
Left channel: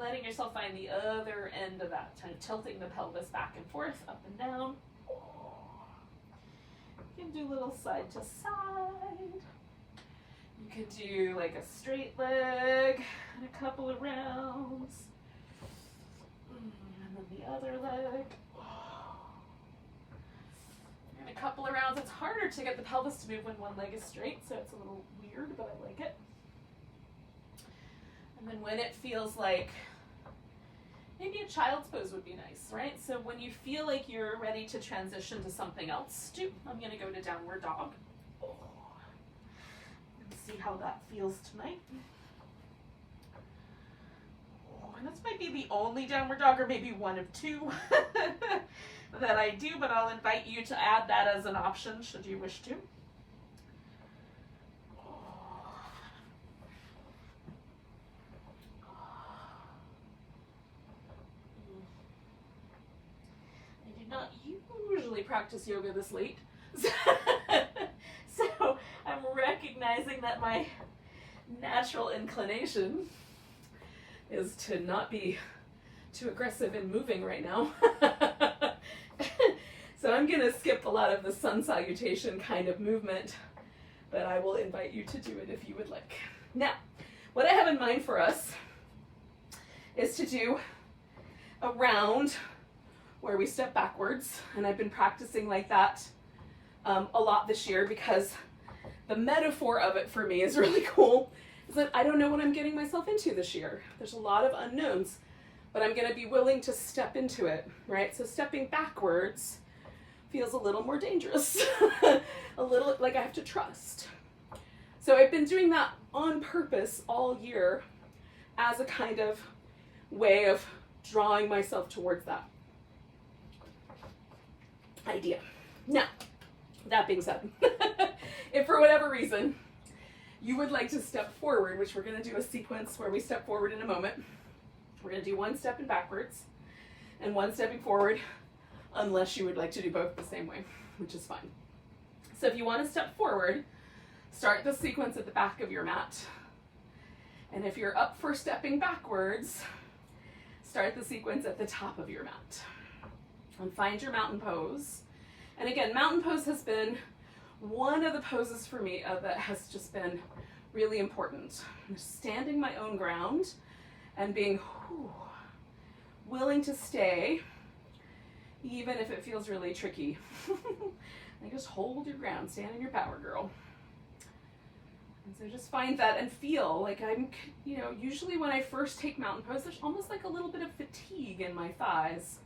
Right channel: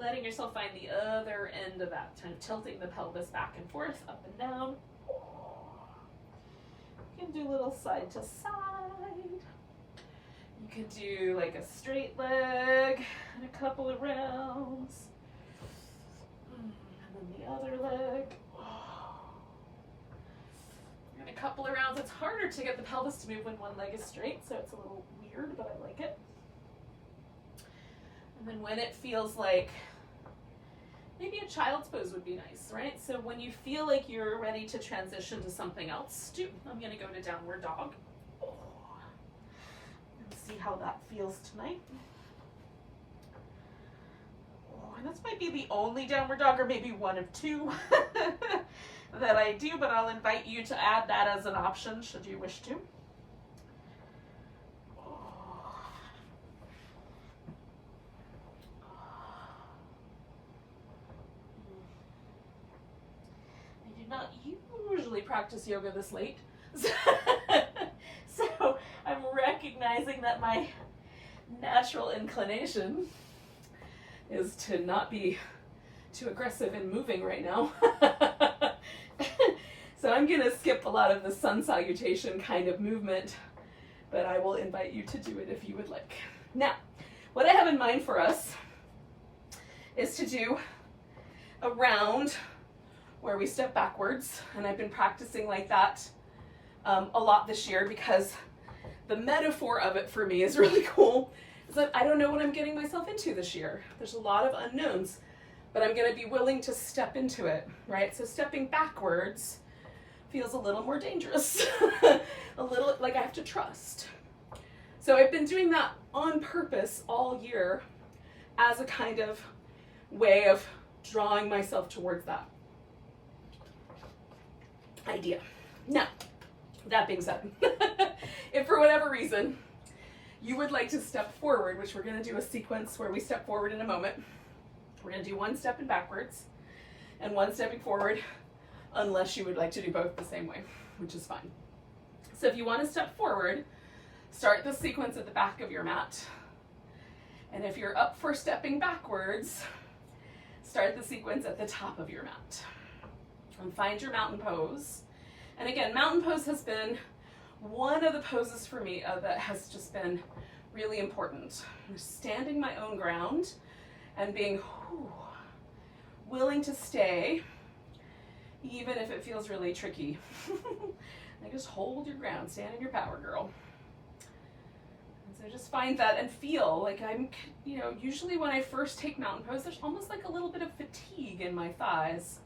letting yourself find the other end of that, kind of tilting the pelvis back and forth, up and down. You can do a little side to side. You can do like a straight leg and a couple of rounds. And then the other leg. And a couple of rounds. It's harder to get the pelvis to move when one leg is straight, so it's a little weird, but I like it. And then when it feels like, maybe a child's pose would be nice, right? So when you feel like you're ready to transition to something else, I'm going to go to downward dog. And see how that feels tonight. And this might be the only downward dog, or maybe one of 2 that I do, but I'll invite you to add that as an option should you wish to. not usually practice yoga this late. So I'm recognizing that my natural inclination is to not be too aggressive in moving right now. So I'm going to skip a lot of the sun salutation kind of movement, but I will invite you to do it if you would like. Now, what I have in mind for us is to do a round where we step backwards, and I've been practicing like that a lot this year because the metaphor of it for me is really cool. Is that I don't know what I'm getting myself into this year. There's a lot of unknowns, but I'm going to be willing to step into it, right? So stepping backwards feels a little more dangerous, a little like I have to trust. So I've been doing that on purpose all year as a kind of way of drawing myself towards that idea. Now, that being said, if for whatever reason you would like to step forward, which we're going to do a sequence where we step forward in a moment, we're going to do one step in backwards and one stepping forward, unless you would like to do both the same way, which is fine. So if you want to step forward, start the sequence at the back of your mat. And if you're up for stepping backwards, start the sequence at the top of your mat. And find your mountain pose. And again, mountain pose has been one of the poses for me that has just been really important. Standing my own ground and being willing to stay, even if it feels really tricky. Like just hold your ground, stand in your power, girl. And so just find that and feel like I'm, usually when I first take mountain pose, there's almost like a little bit of fatigue in my thighs.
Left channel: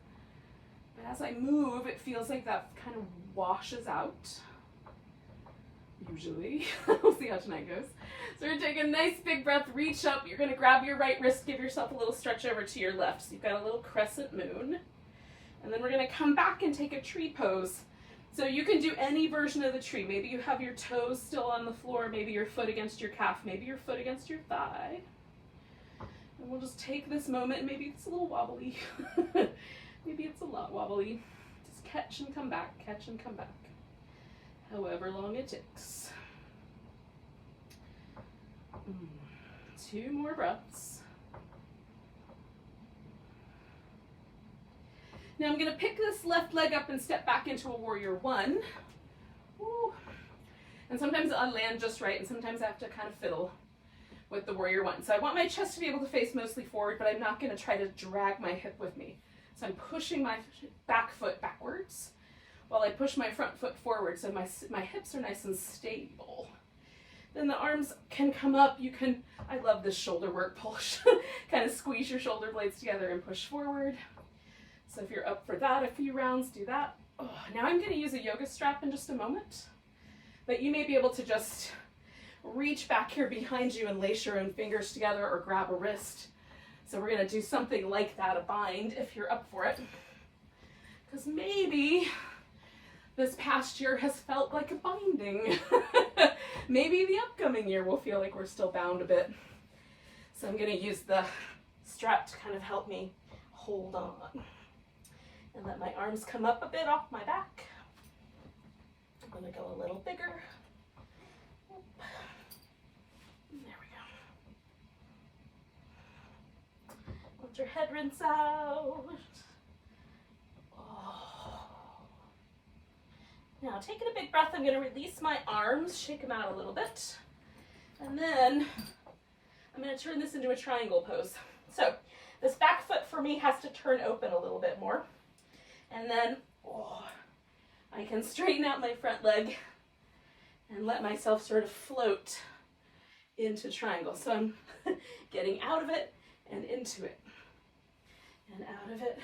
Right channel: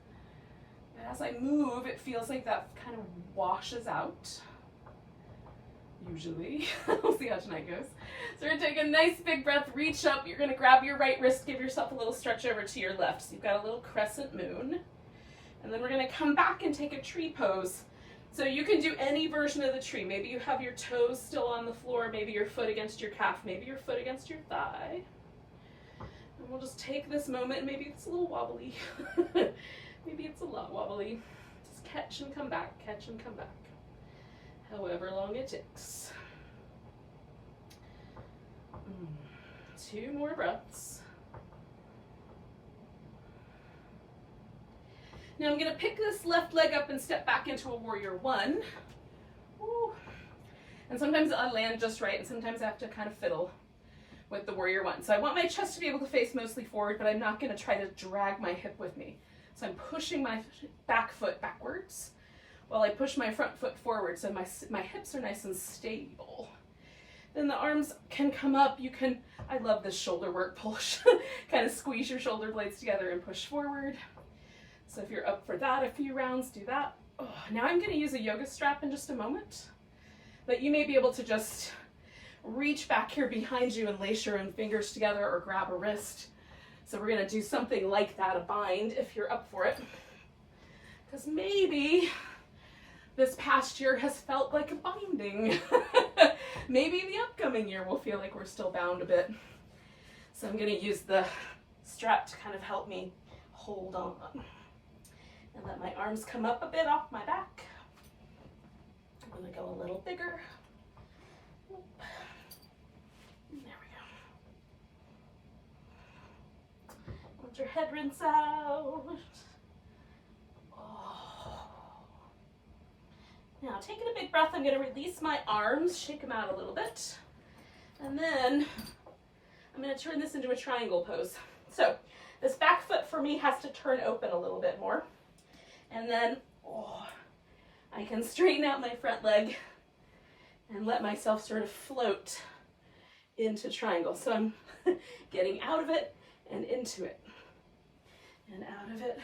But as I move, it feels like that kind of washes out. Usually. We'll see how tonight goes. So we're going to take a nice big breath, reach up. You're going to grab your right wrist, give yourself a little stretch over to your left. So you've got a little crescent moon. And then we're going to come back and take a tree pose. So you can do any version of the tree. Maybe you have your toes still on the floor, maybe your foot against your calf, maybe your foot against your thigh. And we'll just take this moment, maybe it's a little wobbly. Maybe it's a lot wobbly. Just catch and come back, catch and come back. However long it takes. 2 more breaths. Now I'm going to pick this left leg up and step back into a warrior 1. Woo. And sometimes I'll land just right, and sometimes I have to kind of fiddle with the warrior 1. So I want my chest to be able to face mostly forward, but I'm not going to try to drag my hip with me. So I'm pushing my back foot backwards while I push my front foot forward, so my hips are nice and stable. Then the arms can come up. I love this shoulder work push. Kind of squeeze your shoulder blades together and push forward. So if you're up for that, a few rounds, do that. Now I'm going to use a yoga strap in just a moment, but you may be able to just reach back here behind you and lace your own fingers together or grab a wrist. So we're going to do something like that, a bind, if you're up for it. Because maybe this past year has felt like a binding. Maybe the upcoming year will feel like we're still bound a bit. So I'm going to use the strap to kind of help me hold on. And let my arms come up a bit off my back. I'm going to go a little bigger. There we go. Let your head rinse out. Now, taking a big breath, I'm going to release my arms, shake them out a little bit, and then I'm going to turn this into a triangle pose. So this back foot for me has to turn open a little bit more, and then I can straighten out my front leg and let myself sort of float into triangle. So I'm getting out of it and into it, and out of it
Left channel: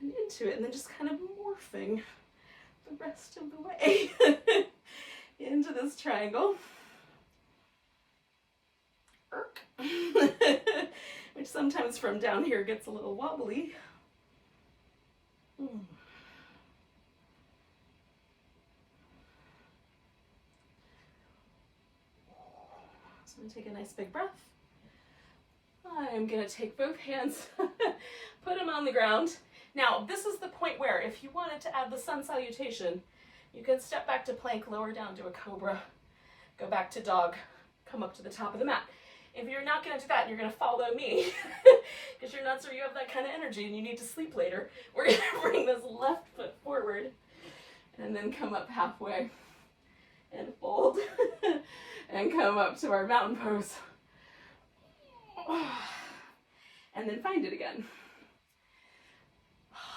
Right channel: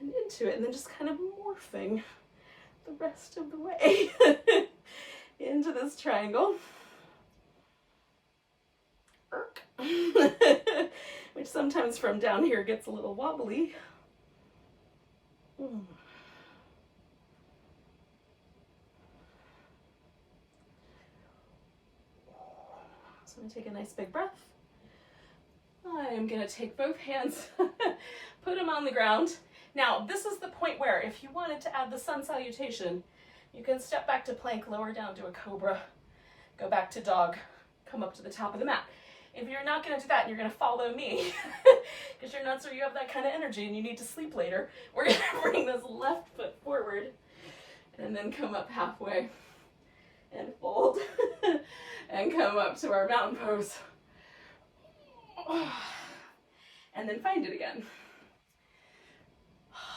and into it, and then just kind of morphing the rest of the way into this triangle. Which sometimes from down here gets a little wobbly. So I'm going to take a nice big breath. I'm going to take both hands, put them on the ground, Now, this is the point where if you wanted to add the sun salutation, you can step back to plank, lower down to a cobra, go back to dog, come up to the top of the mat. If you're not going to do that and you're going to follow me, because you're nuts or you have that kind of energy and you need to sleep later, we're going to bring this left foot forward and then come up halfway and fold and come up to our mountain pose. And then find it again.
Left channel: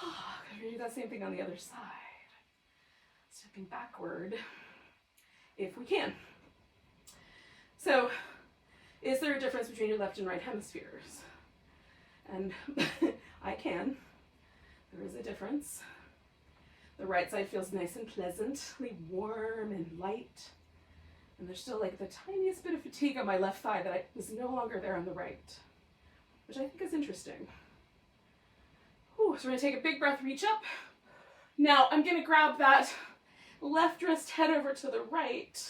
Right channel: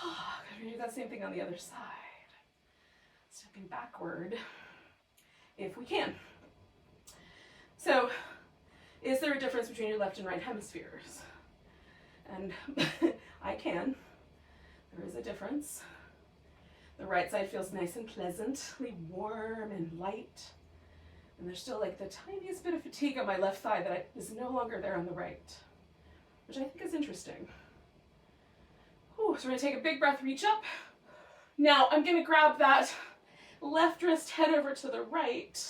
We're going to do that same thing on the other side. Stepping backward if we can. So, is there a difference between your left and right hemispheres? And I can. There is a difference. The right side feels nice and pleasantly warm and light. And there's still like the tiniest bit of fatigue on my left thigh that is no longer there on the right, which I think is interesting. Ooh, so we're gonna take a big breath, reach up. Now I'm gonna grab that left wrist, head over to the right,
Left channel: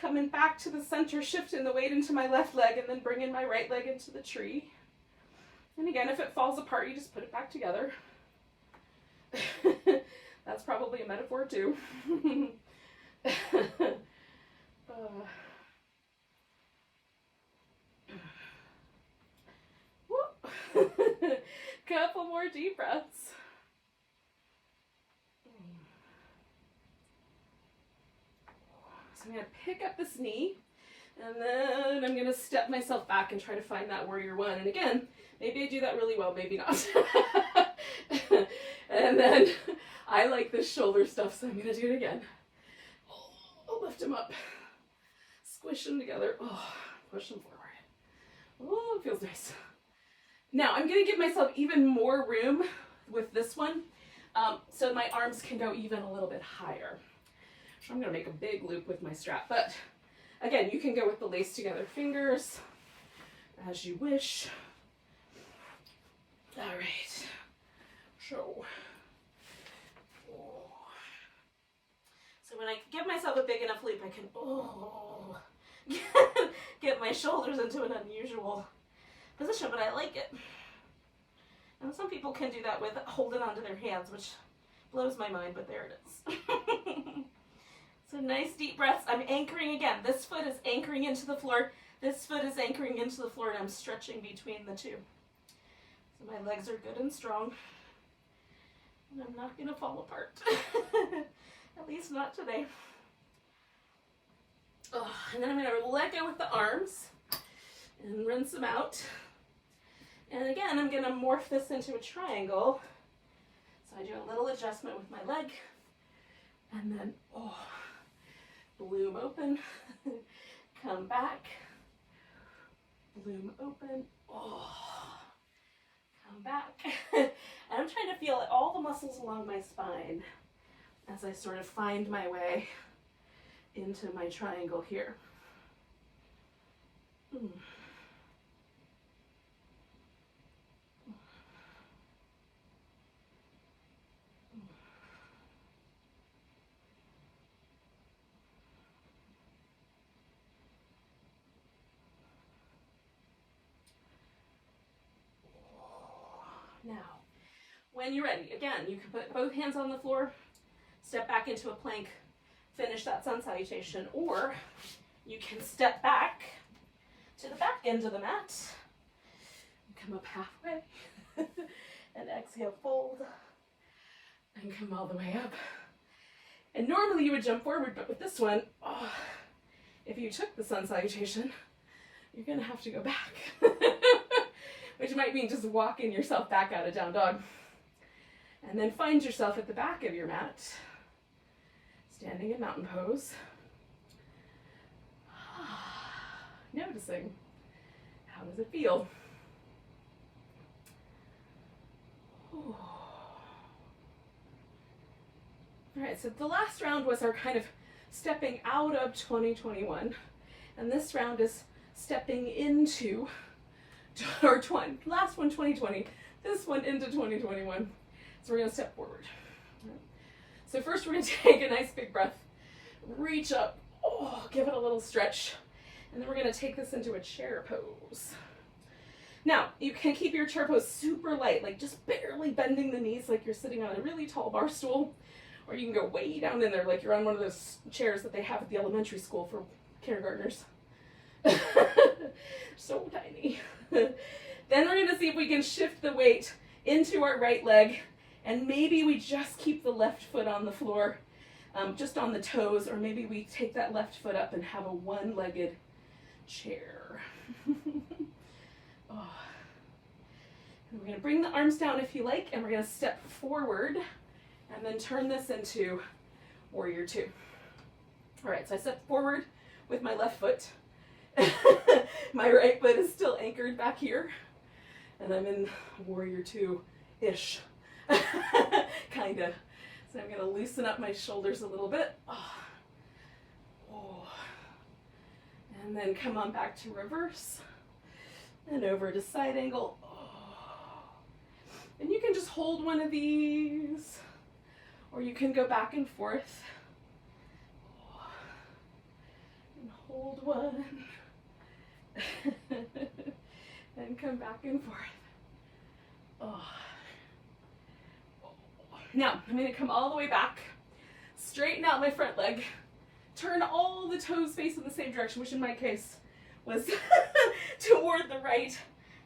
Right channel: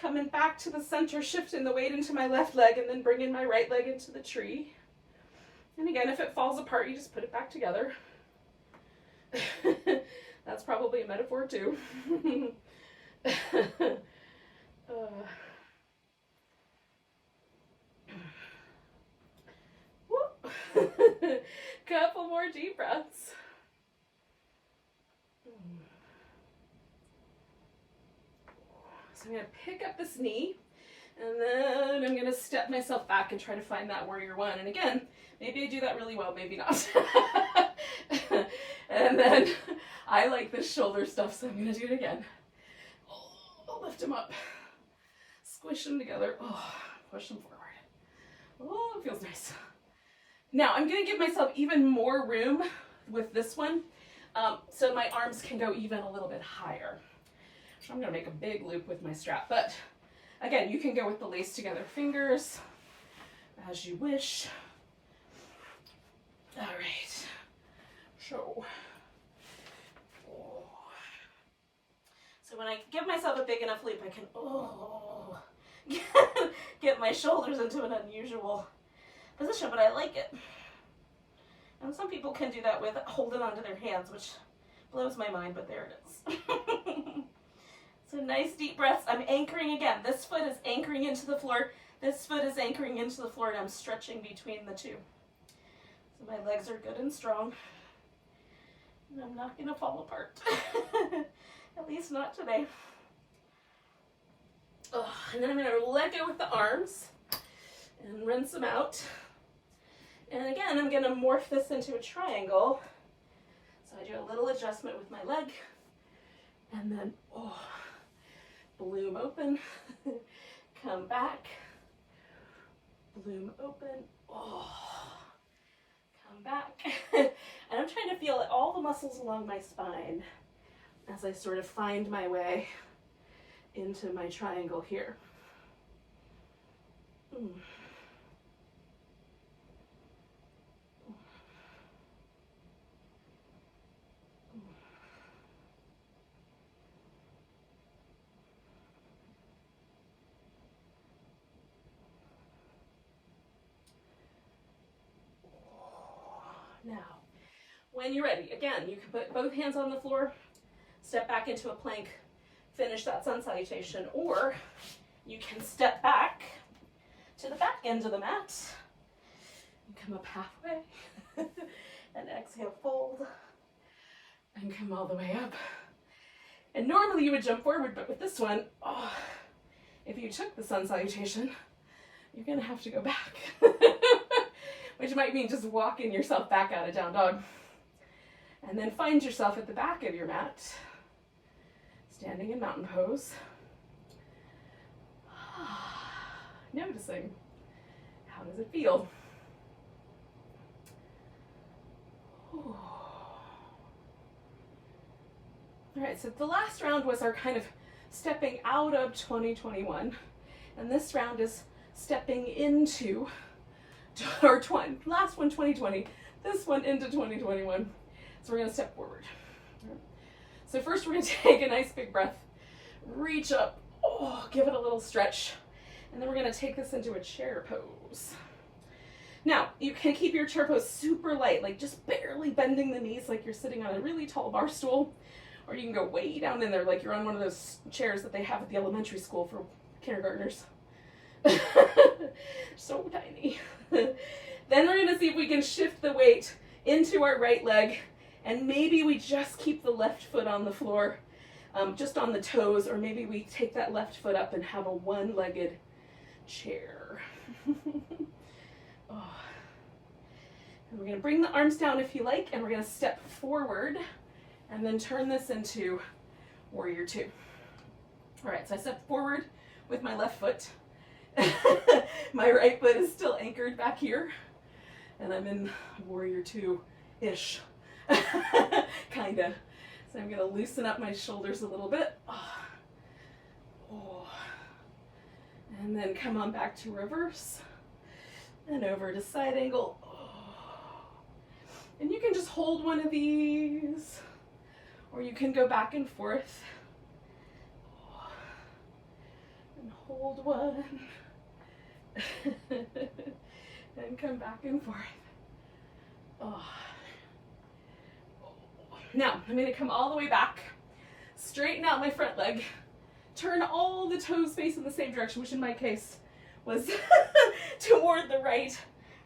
coming back to the center, shifting the weight into my left leg, and then bringing my right leg into the tree. And again, if it falls apart, you just put it back together. That's probably a metaphor too. Couple more deep breaths. So I'm going to pick up this knee, and then I'm going to step myself back and try to find that warrior one. And again, maybe I do that really well, maybe not. And then I like this shoulder stuff, so I'm going to do it again. Oh, lift them up. Squish them together. Oh, push them forward. Oh, it feels nice. Now I'm going to give myself even more room with this one, so my arms can go even a little bit higher. I'm going to make a big loop with my strap, but again, you can go with the lace together fingers as you wish. All right. So when I give myself a big enough loop, I can get my shoulders into an unusual position, but I like it. And some people can do that with holding onto their hands, which blows my mind, but there it is. So nice deep breaths. I'm anchoring again. This foot is anchoring into the floor. This foot is anchoring into the floor, and I'm stretching between the two. So my legs are good and strong. And I'm not going to fall apart. At least not today. Oh, and then I'm going to let go with the arms and rinse them out. And again, I'm going to morph this into a triangle. So I do a little adjustment with my leg. And then, bloom open. Come back. Bloom open. Come back. And I'm trying to feel all the muscles along my spine as I sort of find my way into my triangle here. Now, when you're ready, again, you can put both hands on the floor, step back into a plank, finish that sun salutation, or you can step back to the back end of the mat and come up halfway and exhale, fold, and come all the way up. And normally you would jump forward, but with this one, if you took the sun salutation, you're gonna have to go back. Which might mean just walking yourself back out of down dog. And then find yourself at the back of your mat, standing in mountain pose. Noticing, how does it feel? All right, so the last round was our kind of stepping out of 2021. And this round is stepping into last one 2020, this one into 2021. So we're going to step forward. Right. So first we're going to take a nice big breath, reach up, give it a little stretch, and then we're going to take this into a chair pose. Now, you can keep your chair pose super light, like just barely bending the knees like you're sitting on a really tall bar stool. Or you can go way down in there like you're on one of those chairs that they have at the elementary school for kindergartners. So tiny. Then we're going to see if we can shift the weight into our right leg, and maybe we just keep the left foot on the floor, just on the toes, or maybe we take that left foot up and have a one-legged chair. Oh. And we're going to bring the arms down if you like, and we're going to step forward and then turn this into warrior two. All right, so I step forward with my left foot. My right foot is still anchored back here, and I'm in warrior two-ish, kinda. So I'm gonna loosen up my shoulders a little bit. Oh. And then come on back to reverse, and over to side angle. Oh. And you can just hold one of these, or you can go back and forth. Oh. And hold one. And come back and forth. Oh. Now, I'm going to come all the way back, straighten out my front leg, turn all the toes facing the same direction, which in my case was toward the right.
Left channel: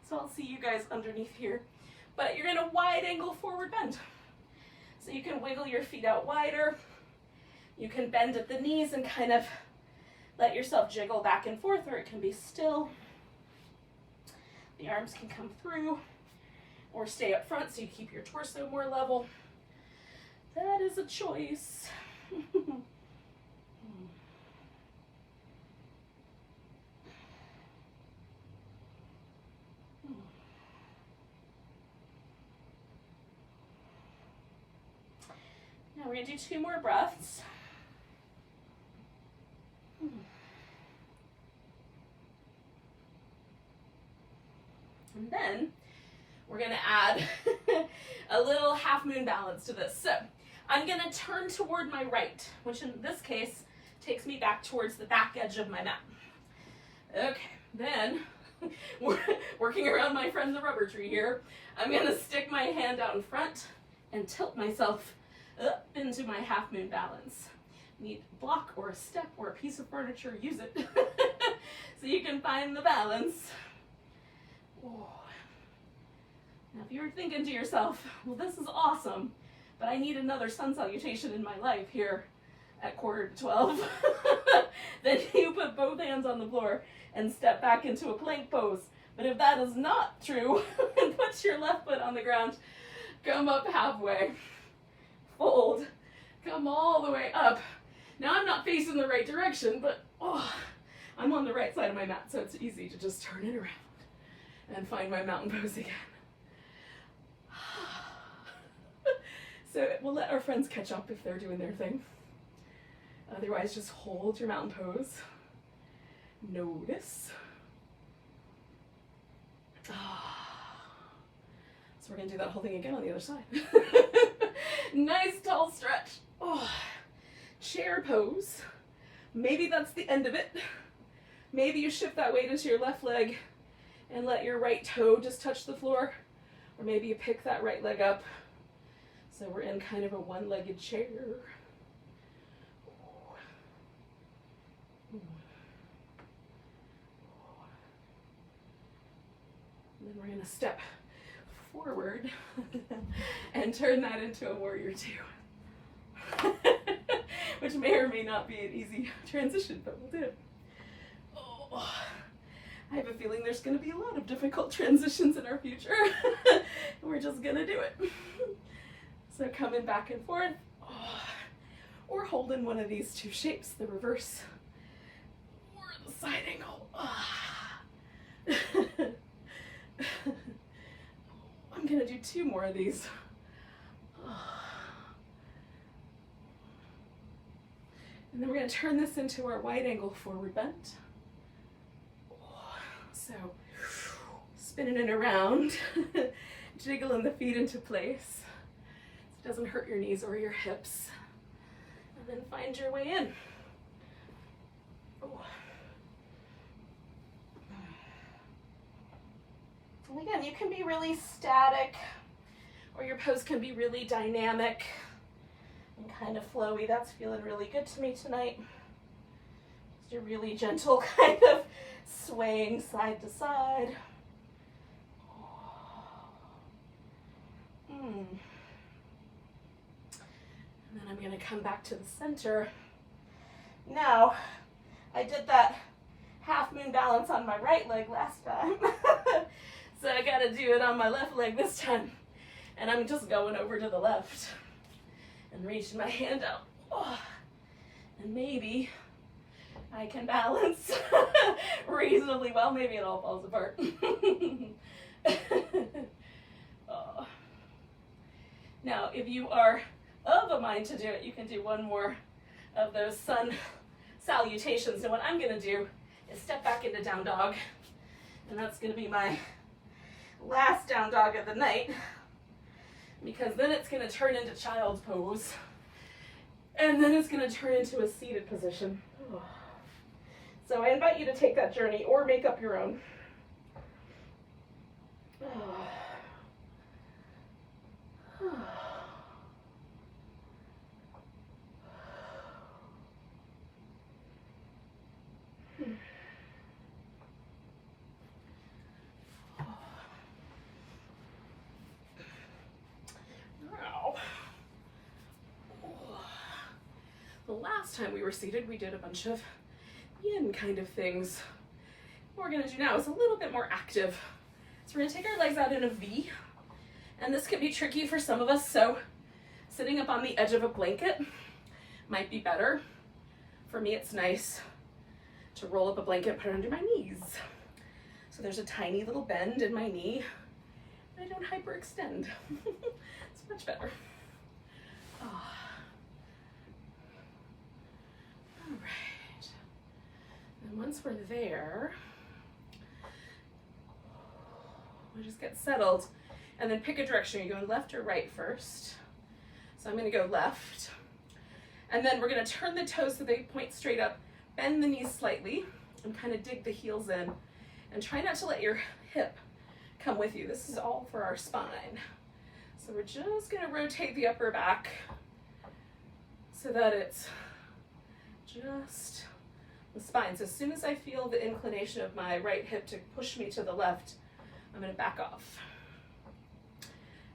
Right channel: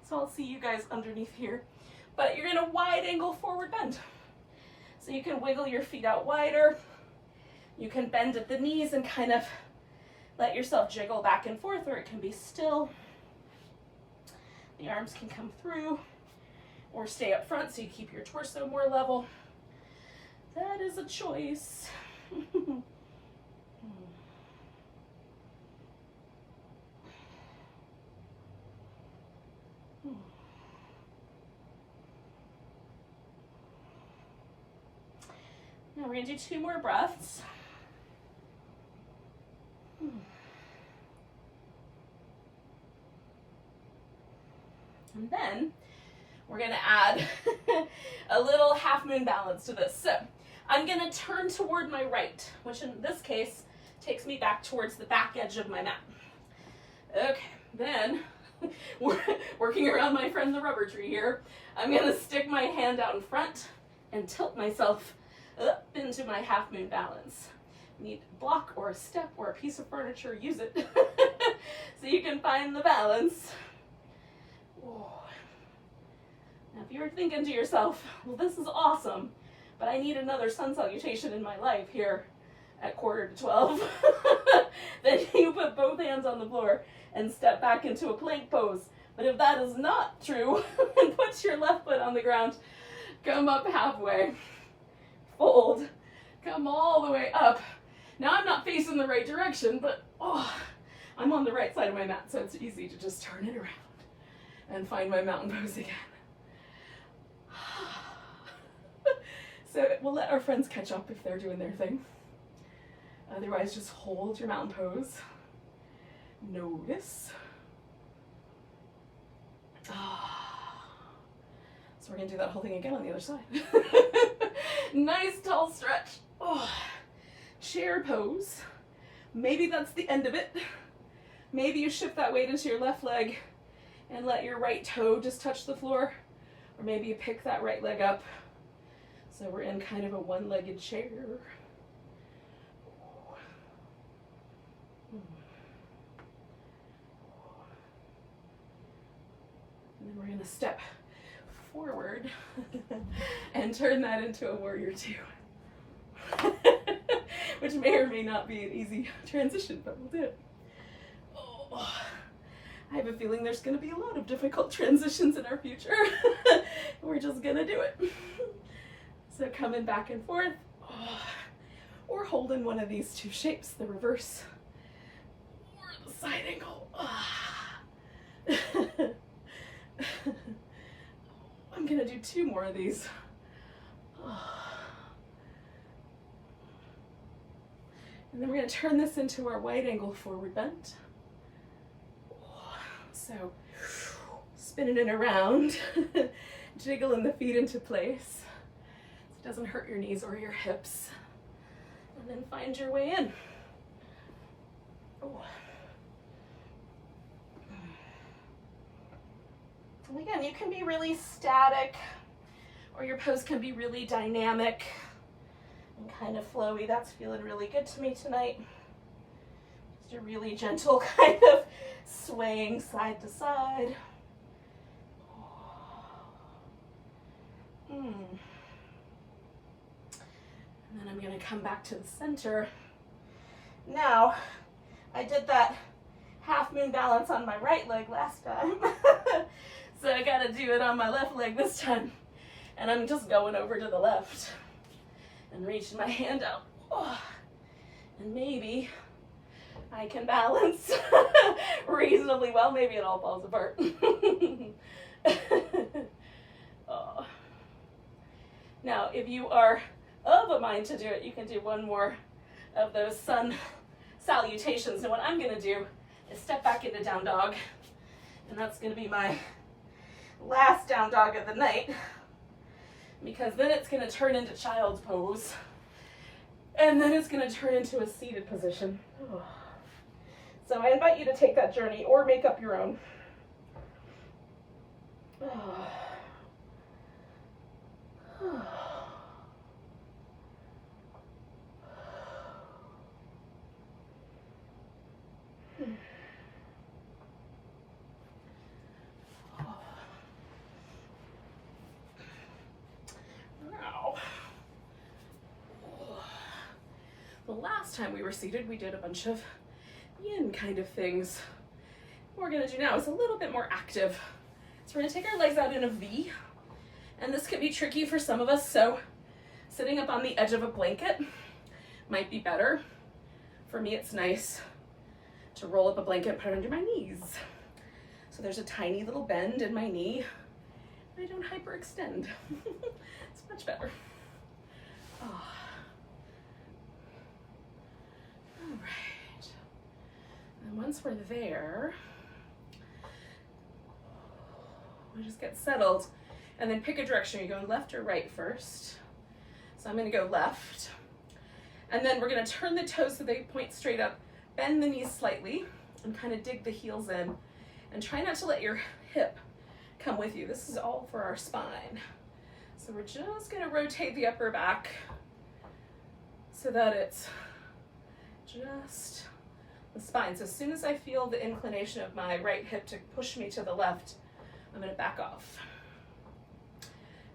So I'll see you guys underneath here. But you're in a wide angle forward bend. So you can wiggle your feet out wider. You can bend at the knees and kind of let yourself jiggle back and forth, or it can be still. The arms can come through or stay up front so you keep your torso more level. That is a choice. Now we're going to do 2 more breaths. And then we're going to add a little half moon balance to this. So I'm going to turn toward my right, which in this case takes me back towards the back edge of my mat. Okay, then we're working around my friend the rubber tree here. I'm going to stick my hand out in front and tilt myself up into my half moon balance. You need a block or a step or a piece of furniture, use it so you can find the balance. Oh. Now if you're thinking to yourself, well, this is awesome, but I need another sun salutation in my life here at 11:45, then you put both hands on the floor and step back into a plank pose. But if that is not true, then put your left foot on the ground, come up halfway, fold, come all the way up. Now I'm not facing the right direction, but I'm on the right side of my mat, so it's easy to just turn it around and find my mountain pose again. So we'll let our friends catch up if they're doing their thing. Otherwise, just hold your mountain pose. Notice. So we're going to do that whole thing again on the other side. Nice tall stretch. Chair pose. Maybe that's the end of it. Maybe you shift that weight into your left leg and let your right toe just touch the floor. Or maybe you pick that right leg up. So we're in kind of a one-legged chair. And then we're going to step forward and turn that into a warrior two. Which may or may not be an easy transition, but we'll do it. I have a feeling there's going to be a lot of difficult transitions in our future. We're just going to do it. So coming back and forth, or holding one of these two shapes, the reverse or the side angle. I'm going to do 2 more of these. And then we're going to turn this into our wide angle forward bend. So spinning it around, jiggling the feet into place. It doesn't hurt your knees or your hips. And then find your way in. And again, you can be really static, or your pose can be really dynamic and kind of flowy. That's feeling really good to me tonight. Just a really gentle kind of swaying side to side. And then I'm going to come back to the center. Now, I did that half moon balance on my right leg last time. So I got to do it on my left leg this time. And I'm just going over to the left and reaching my hand out. Oh, and maybe I can balance reasonably well. Maybe it all falls apart. Oh. Now, if you are of a mind to do it, you can do one more of those sun salutations. And what I'm going to do is step back into down dog. And that's going to be my last down dog of the night, because then it's going to turn into child's pose. And then it's going to turn into a seated position. Oh. So I invite you to take that journey or make up your own. Oh. Oh. The last time we were seated, we did a bunch of yin kind of things. What we're gonna do now is a little bit more active. So we're gonna take our legs out in a V, and this can be tricky for some of us, so sitting up on the edge of a blanket might be better. For me, it's nice to roll up a blanket and put it under my knees. So there's a tiny little bend in my knee. I don't hyperextend. It's much better. Oh. All right. And once we're there, we'll just get settled and then pick a direction. You're going left or right first. So I'm going to go left. And then we're going to turn the toes so they point straight up, bend the knees slightly, and kind of dig the heels in. And try not to let your hip come with you. This is all for our spine. So we're just going to rotate the upper back so that it's just the spine. So as soon as I feel the inclination of my right hip to push me to the left, I'm going to back off.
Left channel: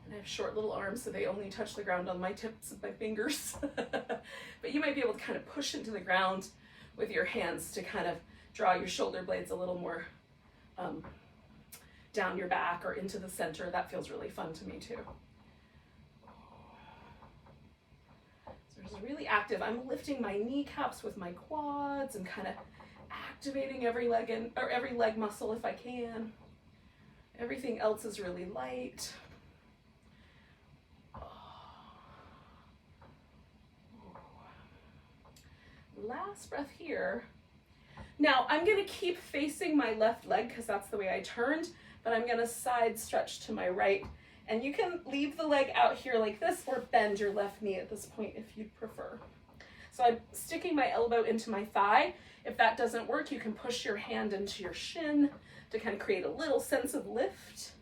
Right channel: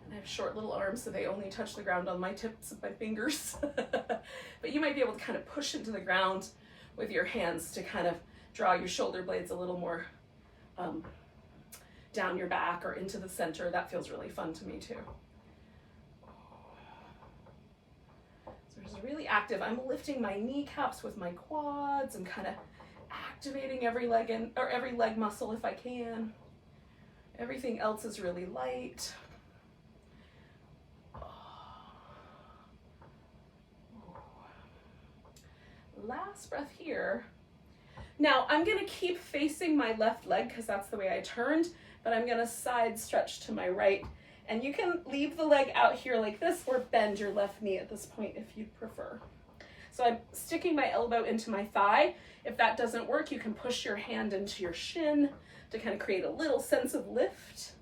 And I have short little arms, so they only touch the ground on my tips of my fingers. But you might be able to kind of push into the ground with your hands to kind of draw your shoulder blades a little more down your back or into the center. That feels really fun to me too. So this is really active. I'm lifting my kneecaps with my quads and kind of activating every leg or every leg muscle if I can. Everything else is really light. Last breath here. Now I'm going to keep facing my left leg because that's the way I turned, but I'm going to side stretch to my right. And you can leave the leg out here like this or bend your left knee at this point if you'd prefer. So I'm sticking my elbow into my thigh. If that doesn't work, you can push your hand into your shin to kind of create a little sense of lift.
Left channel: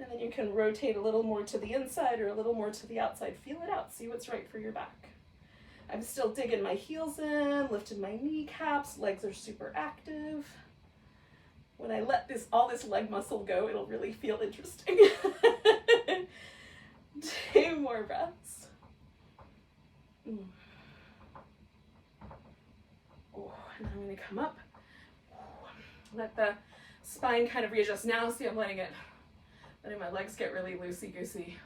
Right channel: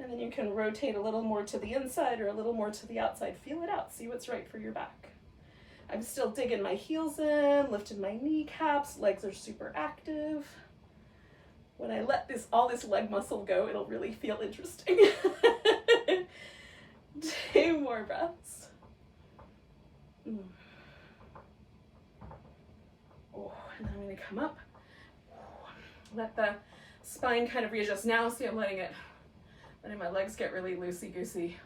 And then you can rotate a little more to the inside or a little more to the outside. Feel it out. See what's right for your back. I'm still digging my heels in, lifting my kneecaps, legs are super active. When I let all this leg muscle go, it'll really feel interesting. 2 more breaths. Oh, and I'm going to come up. Let the spine kind of readjust. Now see, I'm letting my legs get really loosey-goosey,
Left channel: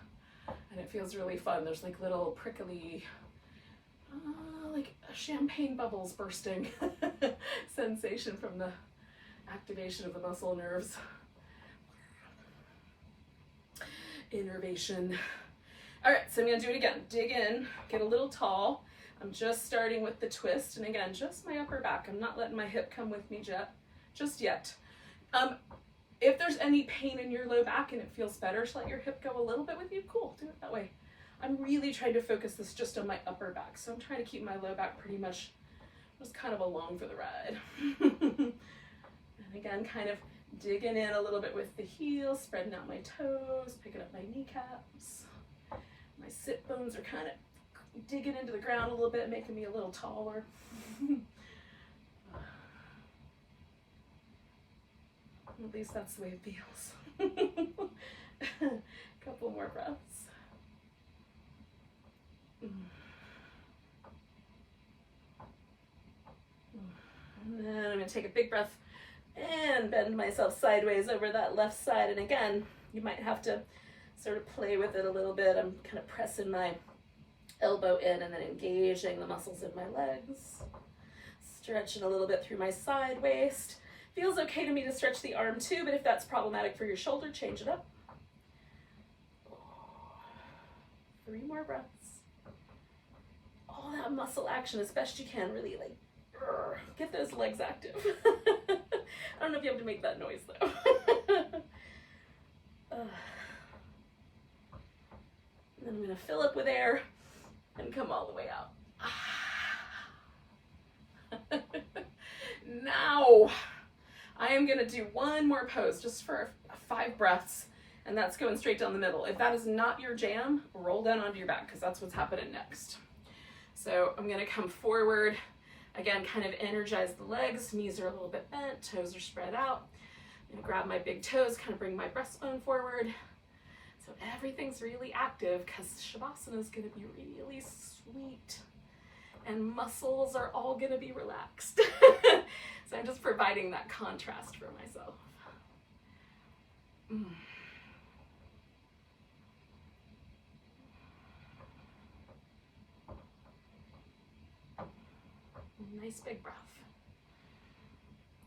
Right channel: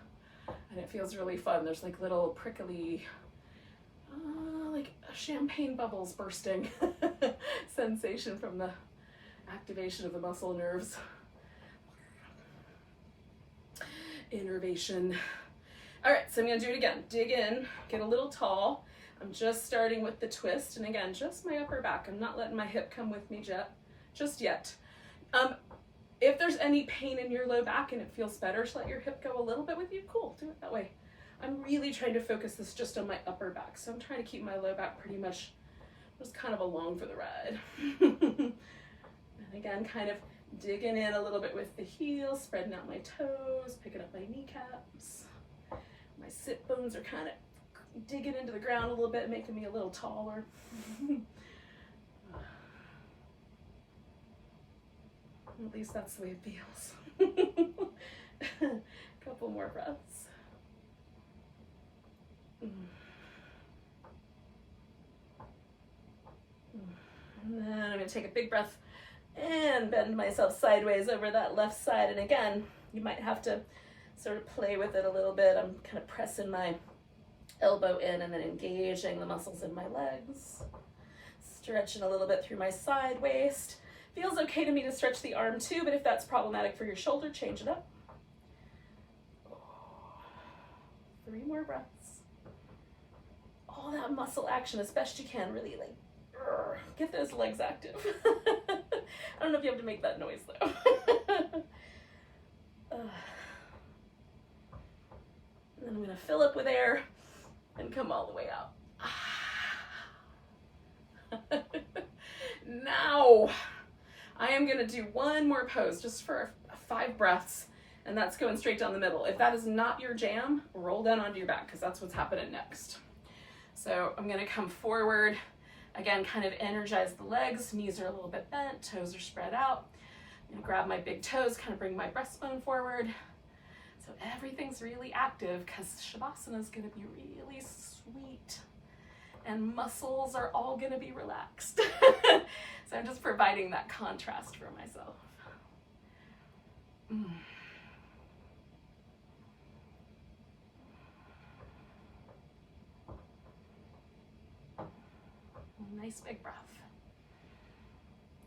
and it feels really fun. There's like little prickly, like champagne bubbles bursting sensation from the activation of the muscle nerves. Innervation. All right, so I'm gonna do it again. Dig in, get a little tall. I'm just starting with the twist, and again, just my upper back. I'm not letting my hip come with me just yet. If there's any pain in your low back and it feels better to let your hip go a little bit with you, cool, do it that way. I'm really trying to focus this just on my upper back, so I'm trying to keep my low back pretty much just kind of along for the ride. And again, kind of Digging in a little bit with the heels, spreading out my toes, picking up my kneecaps. My sit bones are kind of digging into the ground a little bit, making me a little taller. At least that's the way it feels. Couple more breaths. And then I'm going to take a big breath and bend myself sideways over that left side. And again, you might have to sort of play with it a little bit. I'm kind of pressing my elbow in and then engaging the muscles in my legs. Stretching a little bit through my side waist. Feels okay to me to stretch the arm too, but if that's problematic for your shoulder, change it up. 3 more breaths. All that muscle action as best you can, really like get those legs active. I don't know if you have to make that noise though. And then I'm going to fill up with air and come all the way out. Now, I am going to do one more pose just for 5 breaths, and that's going straight down the middle. If that is not your jam, roll down onto your back because that's what's happening next. So I'm going to come forward. Again, kind of energize the legs. Knees are a little bit bent, toes are spread out. I'm going to grab my big toes, kind of bring my breastbone forward. So everything's really active because Shavasana is going to be really sweet. And muscles are all going to be relaxed. So I'm just providing that contrast for myself. Nice big breath.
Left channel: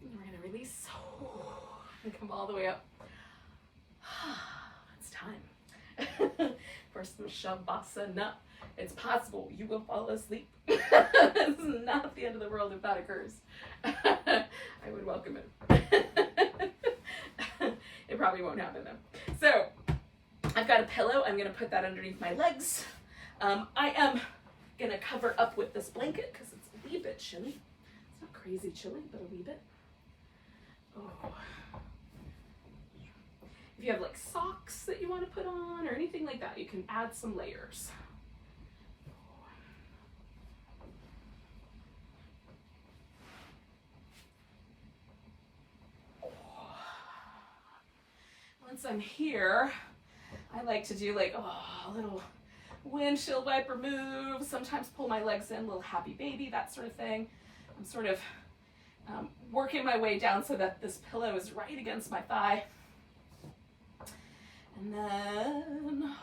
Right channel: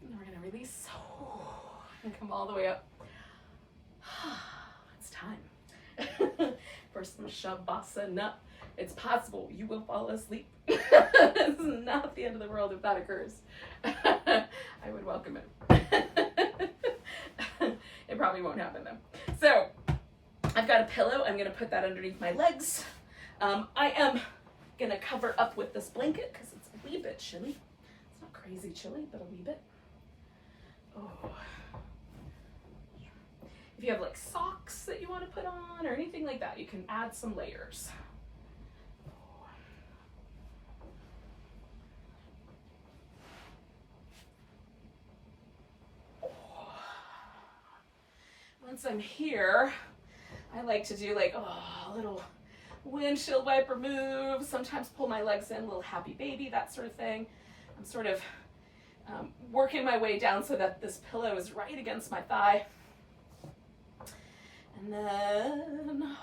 And we're going to release and come all the way up. It's time for some Shavasana. It's possible you will fall asleep. It's not the end of the world if that occurs. I would welcome it. It probably won't happen though. So I've got a pillow. I'm going to put that underneath my legs. I am going to cover up with this blanket because it's a wee bit chilly. It's not crazy chilly, but a wee bit. Oh. If you have like socks that you want to put on or anything like that, you can add some layers. Once I'm here, I like to do like a little windshield wiper move, sometimes pull my legs in, little happy baby, that sort of thing. I'm sort of working my way down so that this pillow is right against my thigh. And then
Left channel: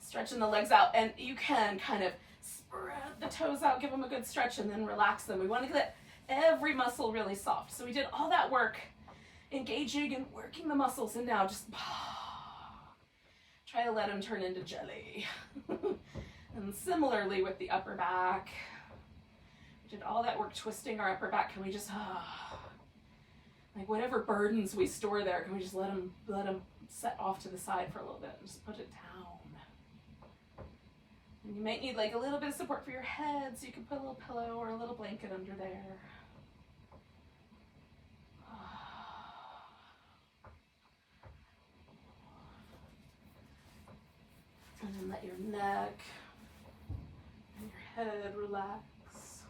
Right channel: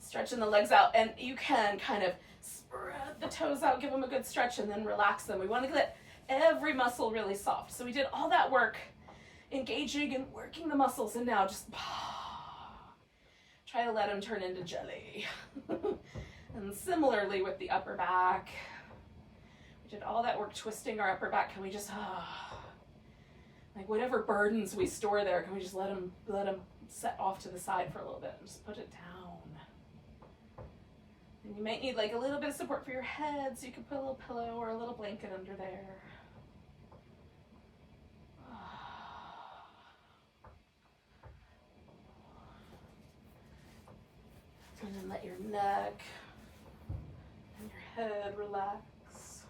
stretching the legs out, and you can kind of spread the toes out, give them a good stretch, and then relax them. We want to get every muscle really soft. So we did all that work engaging and working the muscles, and now just try to let them turn into jelly. And similarly with the upper back, we did all that work twisting our upper back. Can we just like whatever burdens we store there, can we just let them set off to the side for a little bit and just put it down? And you might need like a little bit of support for your head, so you can put a little pillow or a little blanket under there. And then let your neck and your head relax.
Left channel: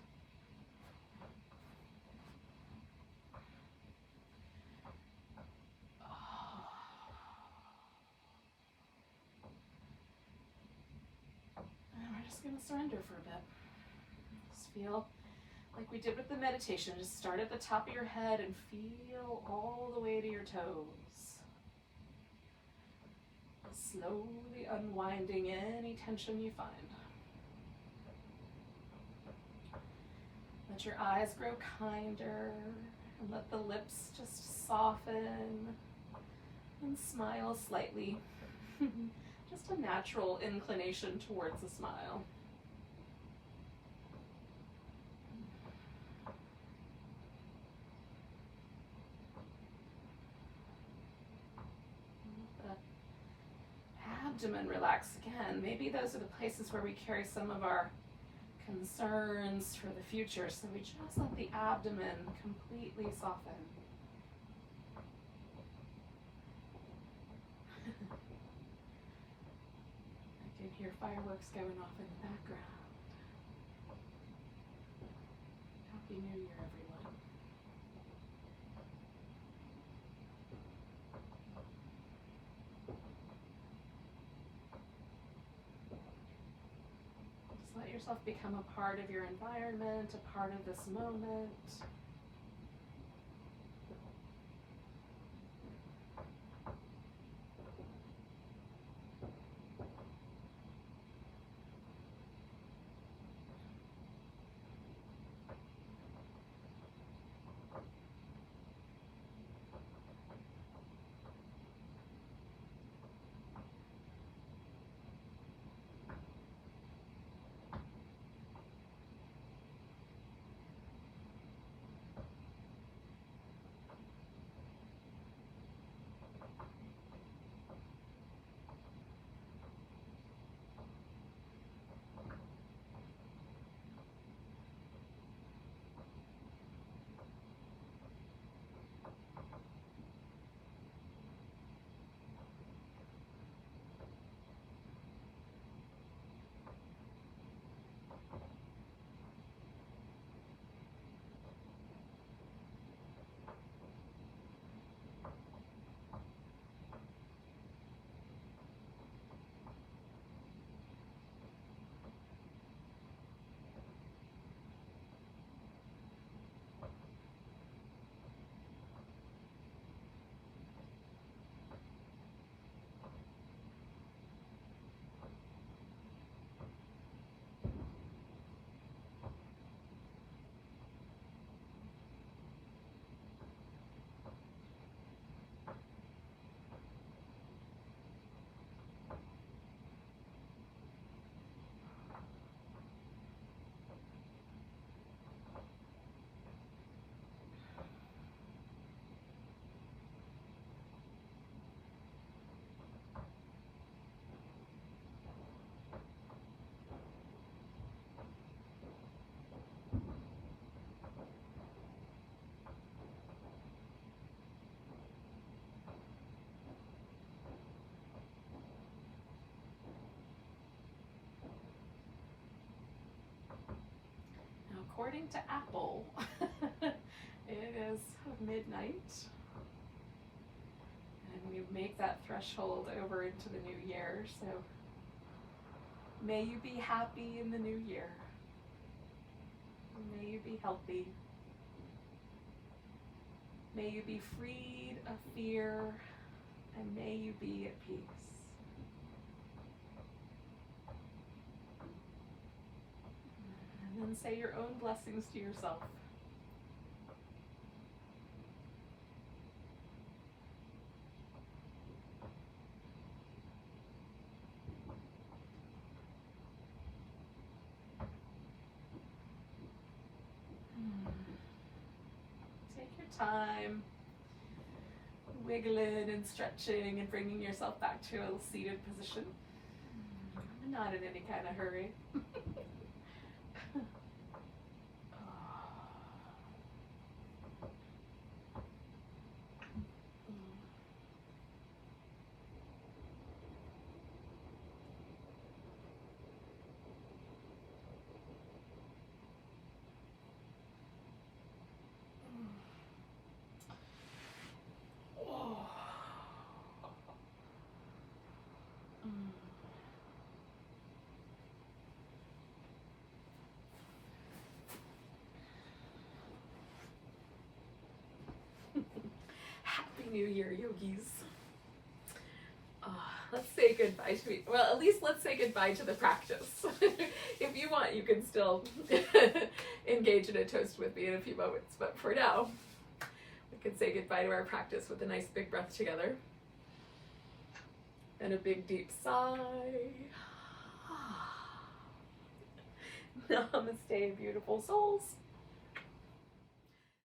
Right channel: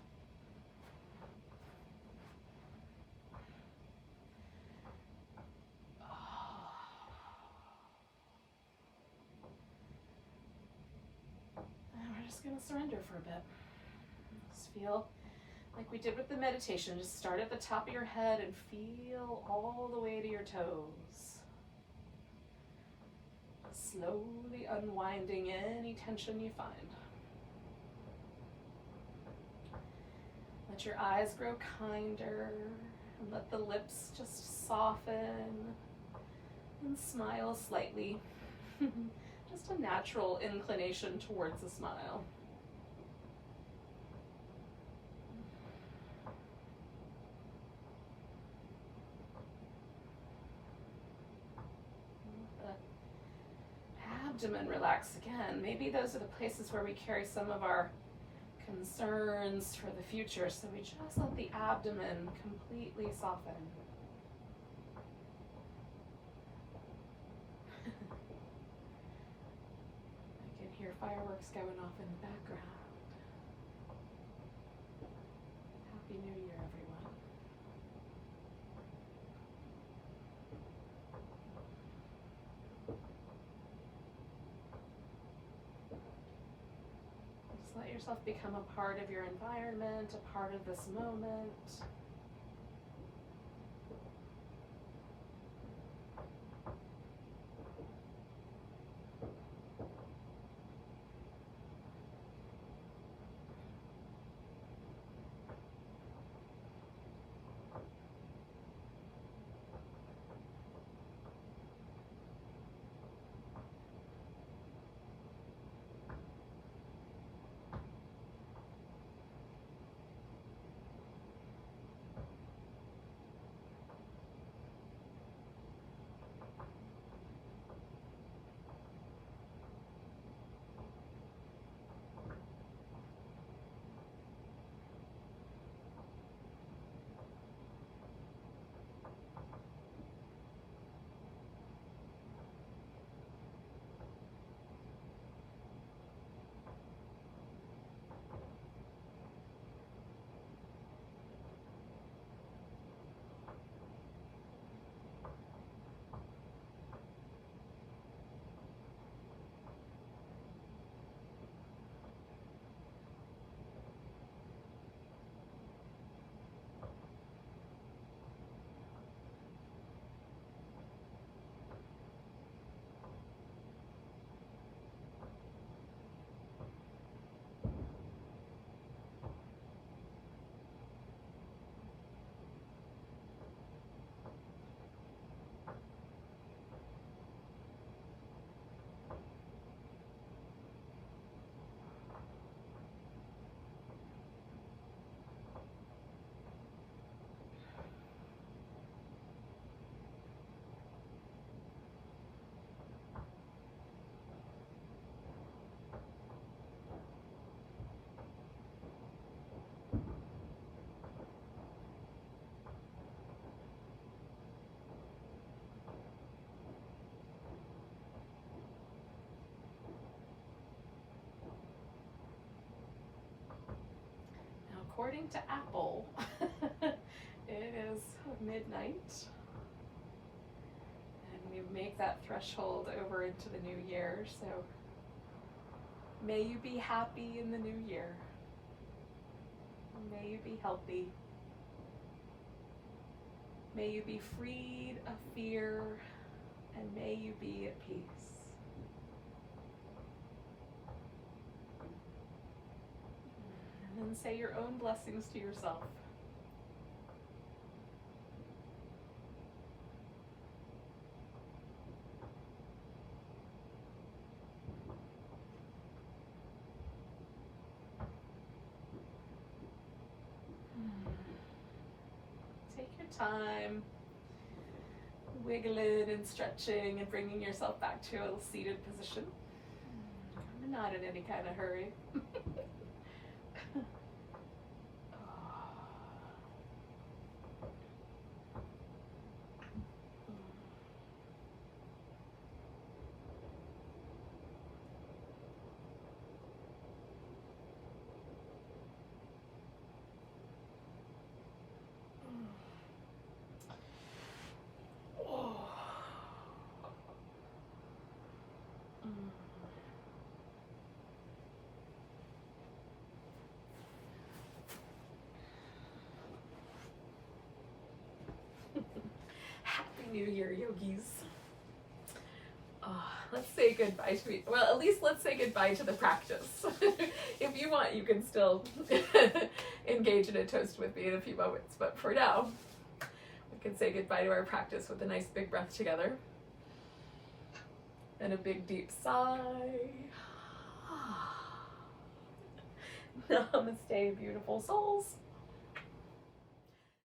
And we're just going to surrender for a bit. Just feel like we did with the meditation. Just start at the top of your head and feel all the way to your toes. Slowly unwinding any tension you find. Let your eyes grow kinder and let the lips just soften and smile slightly. Just a natural inclination towards a smile. Abdomen relax again. Maybe those are the places where we carry some of our concerns for the future, so we just let the abdomen completely soften. your fireworks going off in the background. Happy New Year, everyone. Just let yourself become a part of your environment, a part of this moment. According to Apple, it is midnight, and we make that threshold over into the new year. So may you be happy in the new year. May you be healthy. May you be freed of fear, and may you be at peace. And then say your own blessings to yourself. Take your time, wiggling and stretching and bringing yourself back to a seated position. I'm not in any kind of hurry. Happy New Year, yogis. Let's say goodbye to it. Well, at least let's say goodbye to the practice. If you want, you can still engage in a toast with me in a few moments. But for now, we can say goodbye to our practice with a nice big breath together. And a big deep sigh. Namaste, beautiful souls.